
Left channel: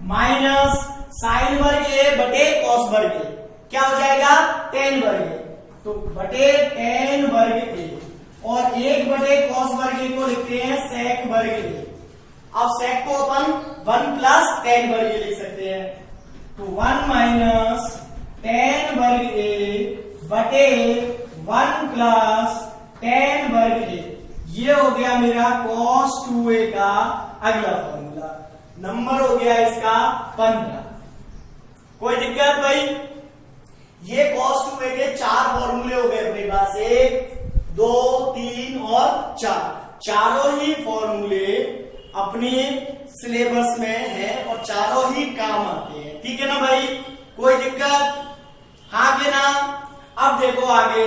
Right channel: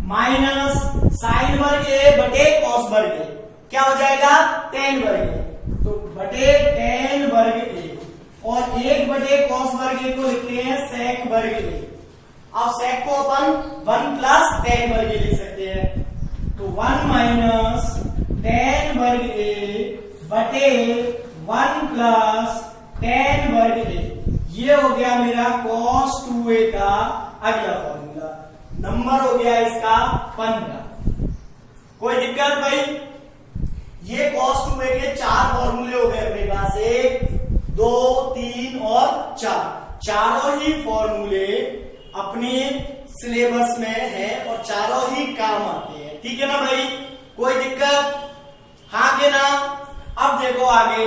माइनस साइन वर्ग ए बटे कॉस वर्ग ए, क्या हो जाएगा टेन वर्ग ए, तो बटे टेन वर्ग ए और 1 बटे कॉस वर्ग ए को लिखते हैं सेक वर्ग ए। अब सेक को अपन 1 प्लस टेन वर्ग ए लिख सकते हैं, तो 1 माइनस टेन वर्ग ए बटे 1 प्लस टेन वर्ग ए। ये हो गया मेरा cos 2a का अगला फॉर्मूला। नंबर हो गया इसका 15। कोई दिक्कत भाई? ये cos 2a के 4 फॉर्मूले हो गए अपने पास, 1 2 3 और 4। चारों ही फॉर्मूले अपने सिलेबस में है और चारों ही काम आते हैं, ठीक है ना भाई? कोई दिक्कत? हाँ के ना? अब देखो आगे,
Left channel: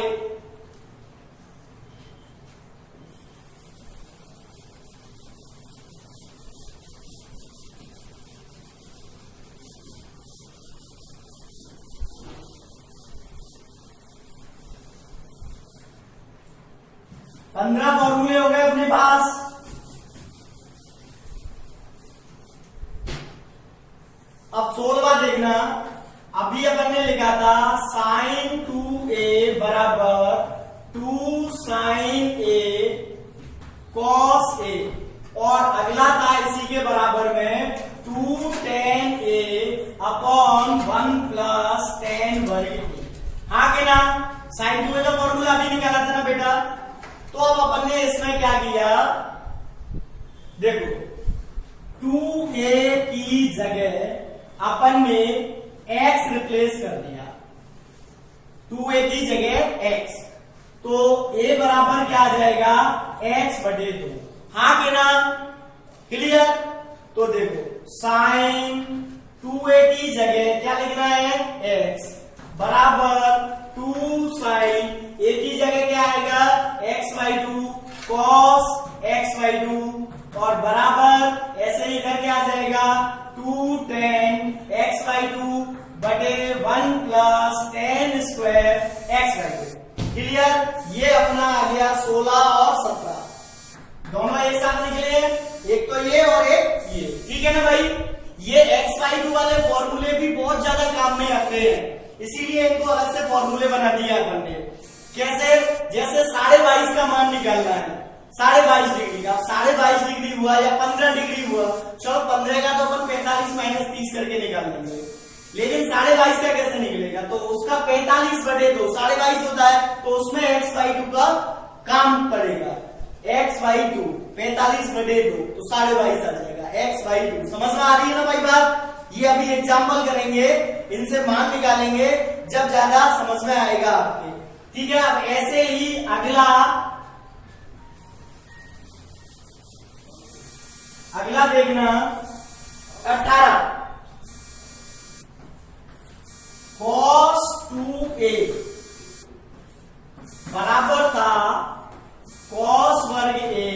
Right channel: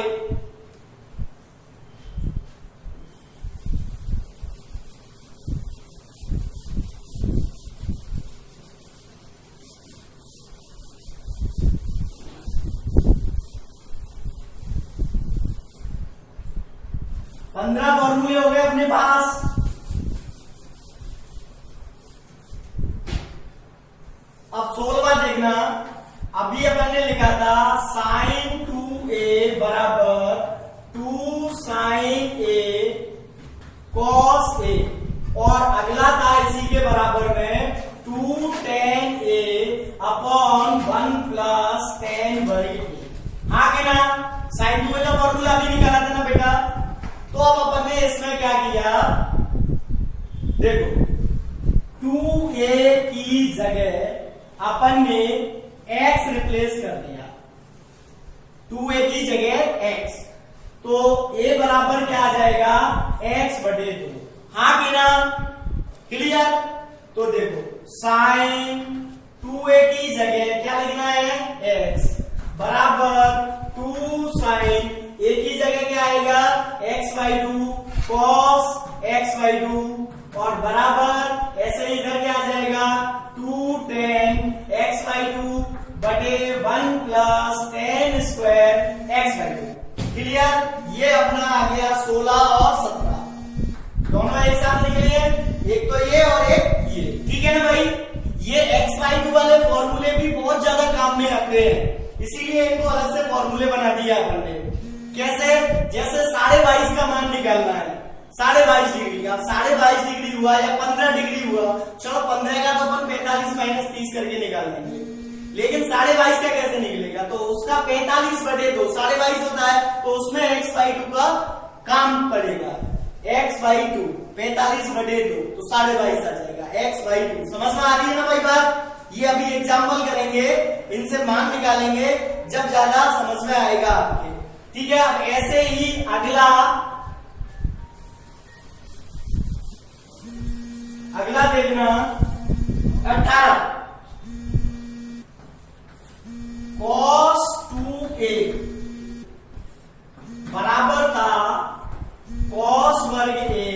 पंद्रह फॉर्मूले हो गए अपने पास। अब 16वां देखना, अभी अपन ने लिखा था साइन 2a बराबर 2 साइन a कॉस a, और अगला था इसी के बराबर में 2 tan a upon 1 plus tan वर्ग a। हाँ के ना? साइन 2a का फॉर्मूला अभी निकाला था ना बेटा? तो अब अपन ने इसमें क्या किया, देखो 2a की जगह अपन ने x रिप्लेस कर दिया, 2a की जगह x, तो a बराबर क्या आ जाएगा, x बटे 2। हाँ कि ना? क्लियर? तो देखो साइन 2a की जगह क्या लिखना है, x बराबर 2 साइन a की जगह क्या आएगा, x/2 cos x/2 और बराबर ऐसे ही इधर क्या आ जाएगा 2 tan x/2 बटे 1 plus tan square x/2। Clear? ये अपना आ गया 16 और 17, दोनों एक साथ लिख लिए, एक तो ये और एक ये, ठीक है ना भाई? ये x/2 वाले फॉर्मूले भी बहुत ज्यादा काम में आते हैं, इसीलिए इनको अलग से फॉर्मूले बना दिया अपन ने। कैसे? जैसे 22.5 का मान निकालना है, 22.5 डिग्री का, 22.5 डिग्री हुआ या 15 डिग्री हुआ, चलो 15 का तो अपन 45 माइनस 30 करके निकाल लेंगे, लेकिन 22.5 का कैसे निकलेगा? तो उसका 45 बटे 2, 22.5 होता है, तो उसमें x/2 का काम पड़ेगा, x/2 45 बटे 2 तो 22.5 आ जाएगा x/2। समझ में आ रही है ना भाई बात? ये अभी एग्जाम्पल करेंगे, इनसे मान निकालेंगे जब ज्यादा समझ में आएगा आपके, ठीक है? अब ऐसे ही अगला देखना 18 cos 2a बराबर था cos वर्ग a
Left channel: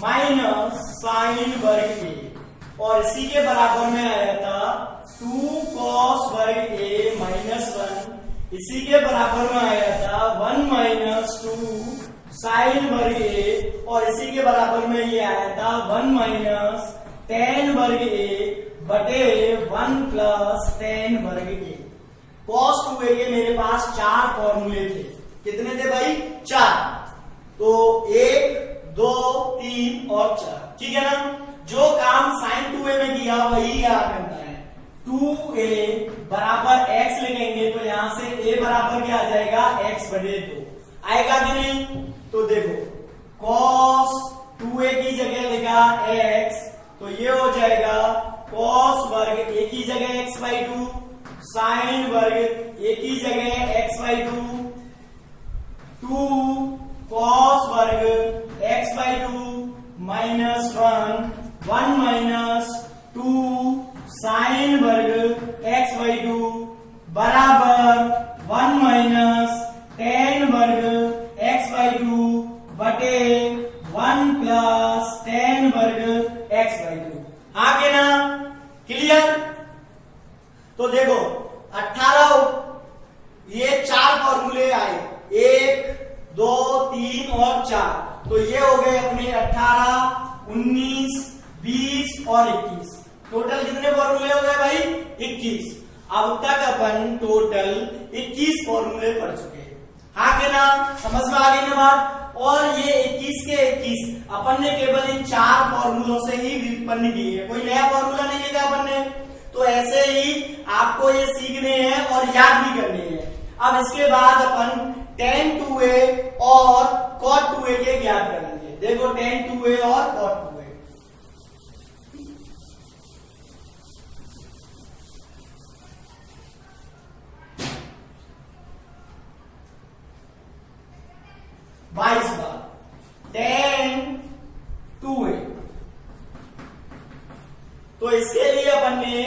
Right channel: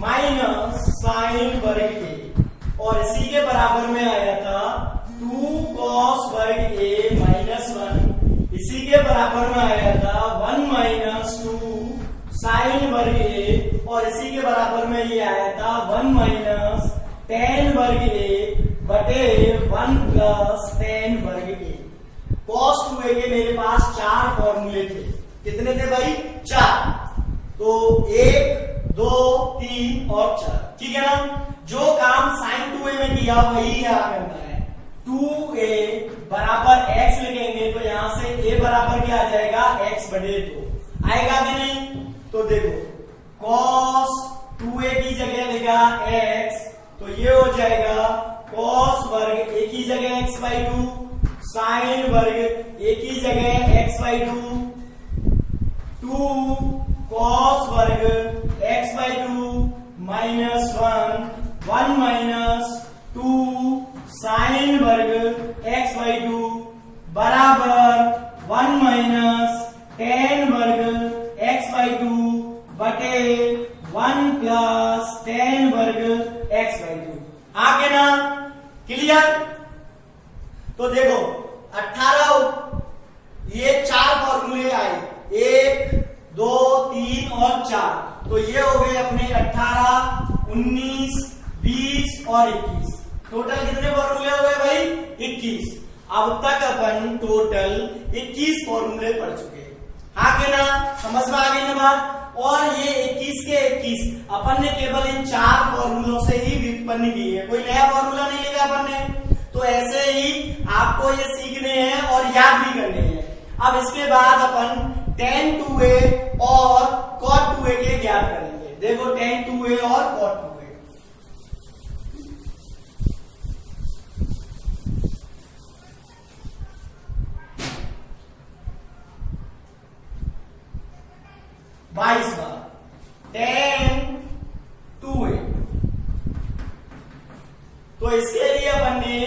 माइनस साइन वर्ग a, और इसी के बराबर में आया था 2 cos वर्ग a माइनस 1, इसी के बराबर में आया था 1 माइनस 2 साइन वर्ग a, और इसी के बराबर में ये आया था 1 माइनस tan वर्ग a बटे 1 प्लस tan वर्ग a। cos 2a के मेरे पास 4 फॉर्मूले थे, कितने थे भाई? 4, तो 1 2 3 और 4, ठीक है ना? जो काम साइन 2a में किया वही यहाँ करना है। 2a बराबर x लिखेंगे तो यहां से a बराबर क्या आ जाएगा, x बटे 2 आएगा कि नहीं? तो देखो cos 2a की जगह लिखा x, तो ये हो जाएगा कॉस वर्ग एक ही जगह x/2, साइन वर्ग एक ही जगह x/2, 2 कॉस वर्ग x/2 -1, 1 माइनस 2 साइन वर्ग x/2 बराबर 1 माइनस tan वर्ग x/2 बटे 1 प्लस tan वर्ग x/2। आगे ना क्लियर। तो देखो 18 ये 4 फॉर्मूले आए, 1 2 3 और 4। तो ये हो गए अपने 18 19 20 और 21। टोटल कितने फॉर्मूले हो गए भाई? 21। अब तक अपन टोटल 21 फॉर्मूले पढ़ चुके हैं। हाँ के ना, समझ में आ गई ना बात। और ये 21 के 21 अपन ने केवल इन 4 फॉर्मूलों से ही व्युत्पन्न की है, कोई नया फॉर्मूला नहीं लिखा अपन ने। तो ऐसे ही आपको ये सीखने हैं और याद भी करने हैं। अब इसके बाद अपन tan 2a और cot 2a के ज्ञात करेंगे। देखो tan 2a और cot 2a। बाईस बार tan 2a। तो इसके लिए अपन ने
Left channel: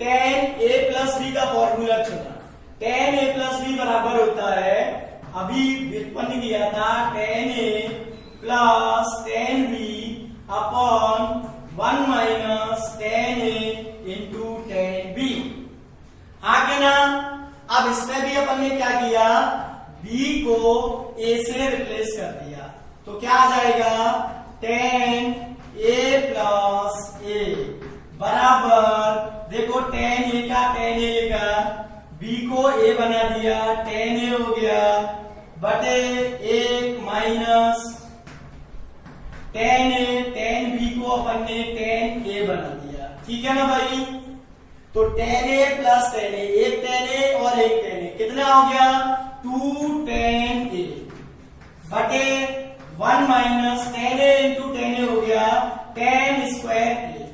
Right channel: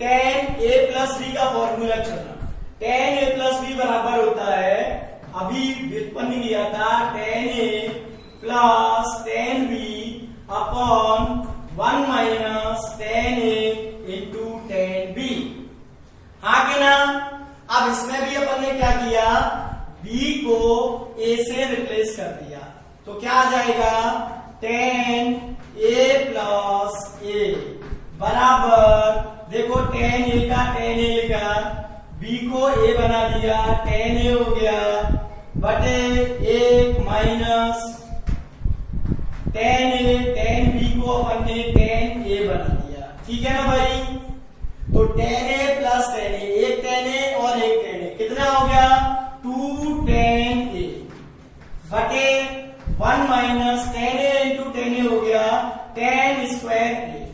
tan a प्लस b का फॉर्मूला चुना। tan a प्लस b बराबर होता है, अभी व्युत्पन्न किया था, tan a plus tan b upon 1 minus tan a into tan b। हाँ के ना। अब इसमें भी अपन ने क्या किया, b को a से रिप्लेस कर दिया। तो क्या आ जाएगा, tan a प्लस a बराबर, देखो tan a का tan a लिखा, b को a बना दिया, tan a हो गया बटे 1 minus tan a, tan b को अपन ने tan a बना दिया। ठीक है ना भाई। तो tan a plus tan a, एक tan a और एक tan a, कितना हो गया 2 tan a बटे 1 minus tan a into tan a हो गया tan स्क्वायर a।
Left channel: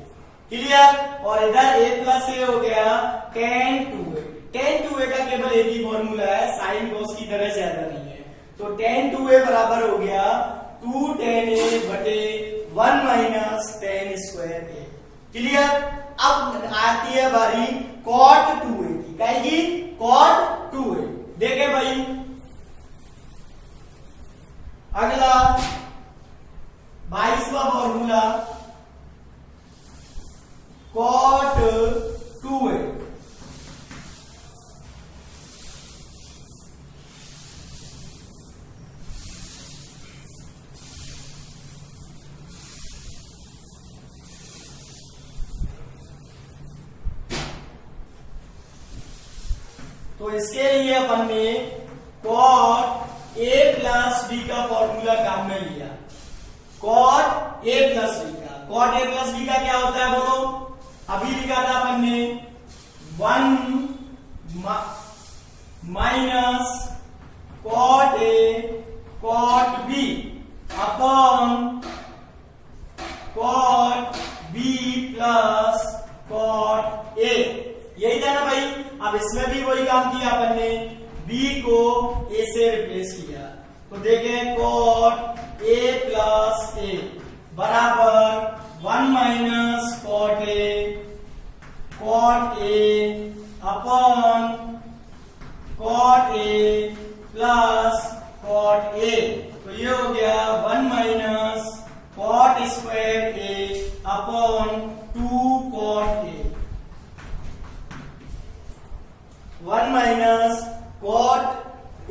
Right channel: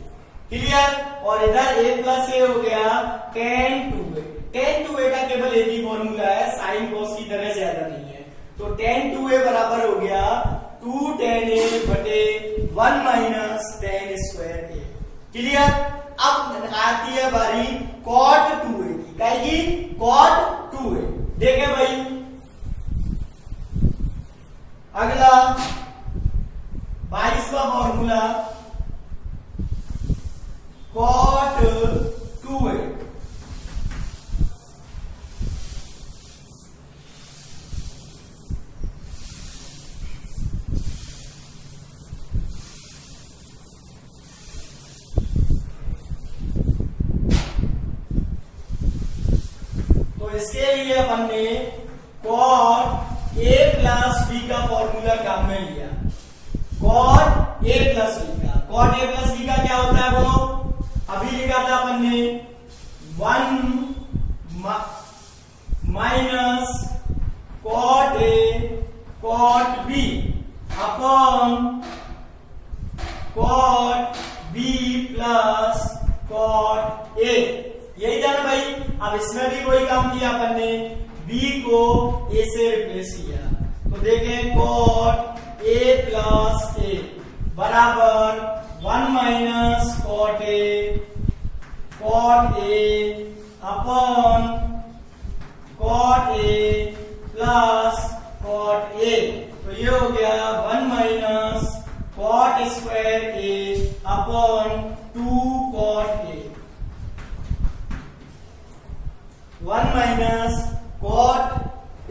क्लियर। और इधर a प्लस a हो गया tan 2a। tan 2a का केवल एक ही फॉर्मूला है, साइन कॉस की तरह ज्यादा नहीं है। तो tan 2a बराबर हो गया 2 tan a बटे 1 minus tan square a। Clear. अब आती है बारी cot 2a की, कहेगी cot 2a। देखे भाई अगला 22वां फॉर्मूला cot 2a। तो इसके लिए अपन ने cot a प्लस b का फॉर्मूला काम में लिया। cot a प्लस b का, cot a प्लस b का क्या होता है वो अभी लिखा था अपन ने 1 minus cot a cot b upon cot b plus cot a। यही था ना भाई। अब इसमें भी वही काम किया अपन ने, b को a से रिप्लेस किया। तो देखें cot a प्लस a बराबर 1 minus cot a upon cot a plus cot a। तो ये हो गया 1 minus cot square a upon 2 cot a। 1 minus cot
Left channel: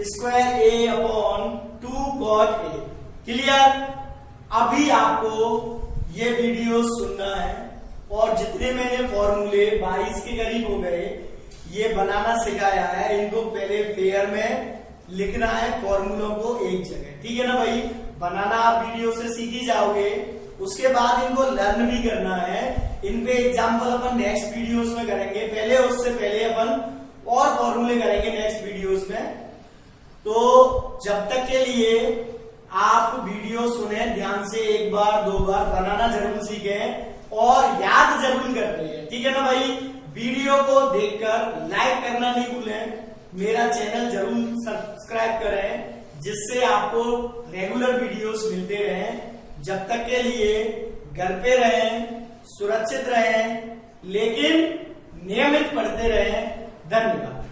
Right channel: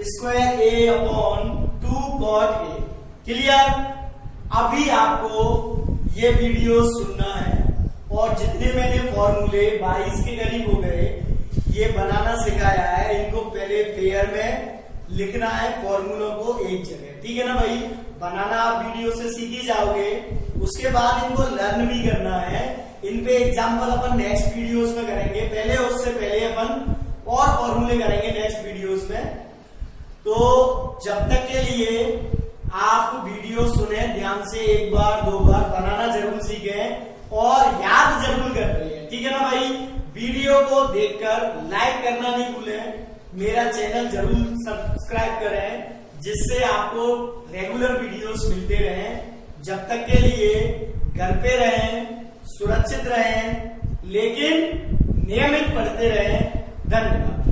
square a upon 2 cot a। Clear. अभी आपको ये वीडियो सुनना है और जितने मैंने फॉर्मूले 22 के करीब हो गए ये बनाना सिखाया है, इनको पहले फेयर में लिखना है फॉर्मूलों को एक जगह। ठीक है ना भाई। बनाना आप वीडियो से सीख ही जाओगे, उसके बाद इनको लर्न भी करना है। इन पे एग्जाम्पल अपन नेक्स्ट वीडियोस में करेंगे, पहले उससे पहले अपन और फॉर्मूले करेंगे नेक्स्ट वीडियोस में। तो जब तक के लिए आप वीडियो सुने ध्यान से, एक बार दो बार बनाना जरूर सीखें और याद जरूर करते हैं, ठीक है ना भाई। वीडियो को देखकर लाइक करना नहीं भूलें, मेरा चैनल जरूर सब्सक्राइब करें जिससे आपको रेगुलर वीडियोस मिलते रहें। जब तक के लिए घर पे रहें, सुरक्षित रहें, लेकिन नियमित पढ़ते रहें। धन्यवाद।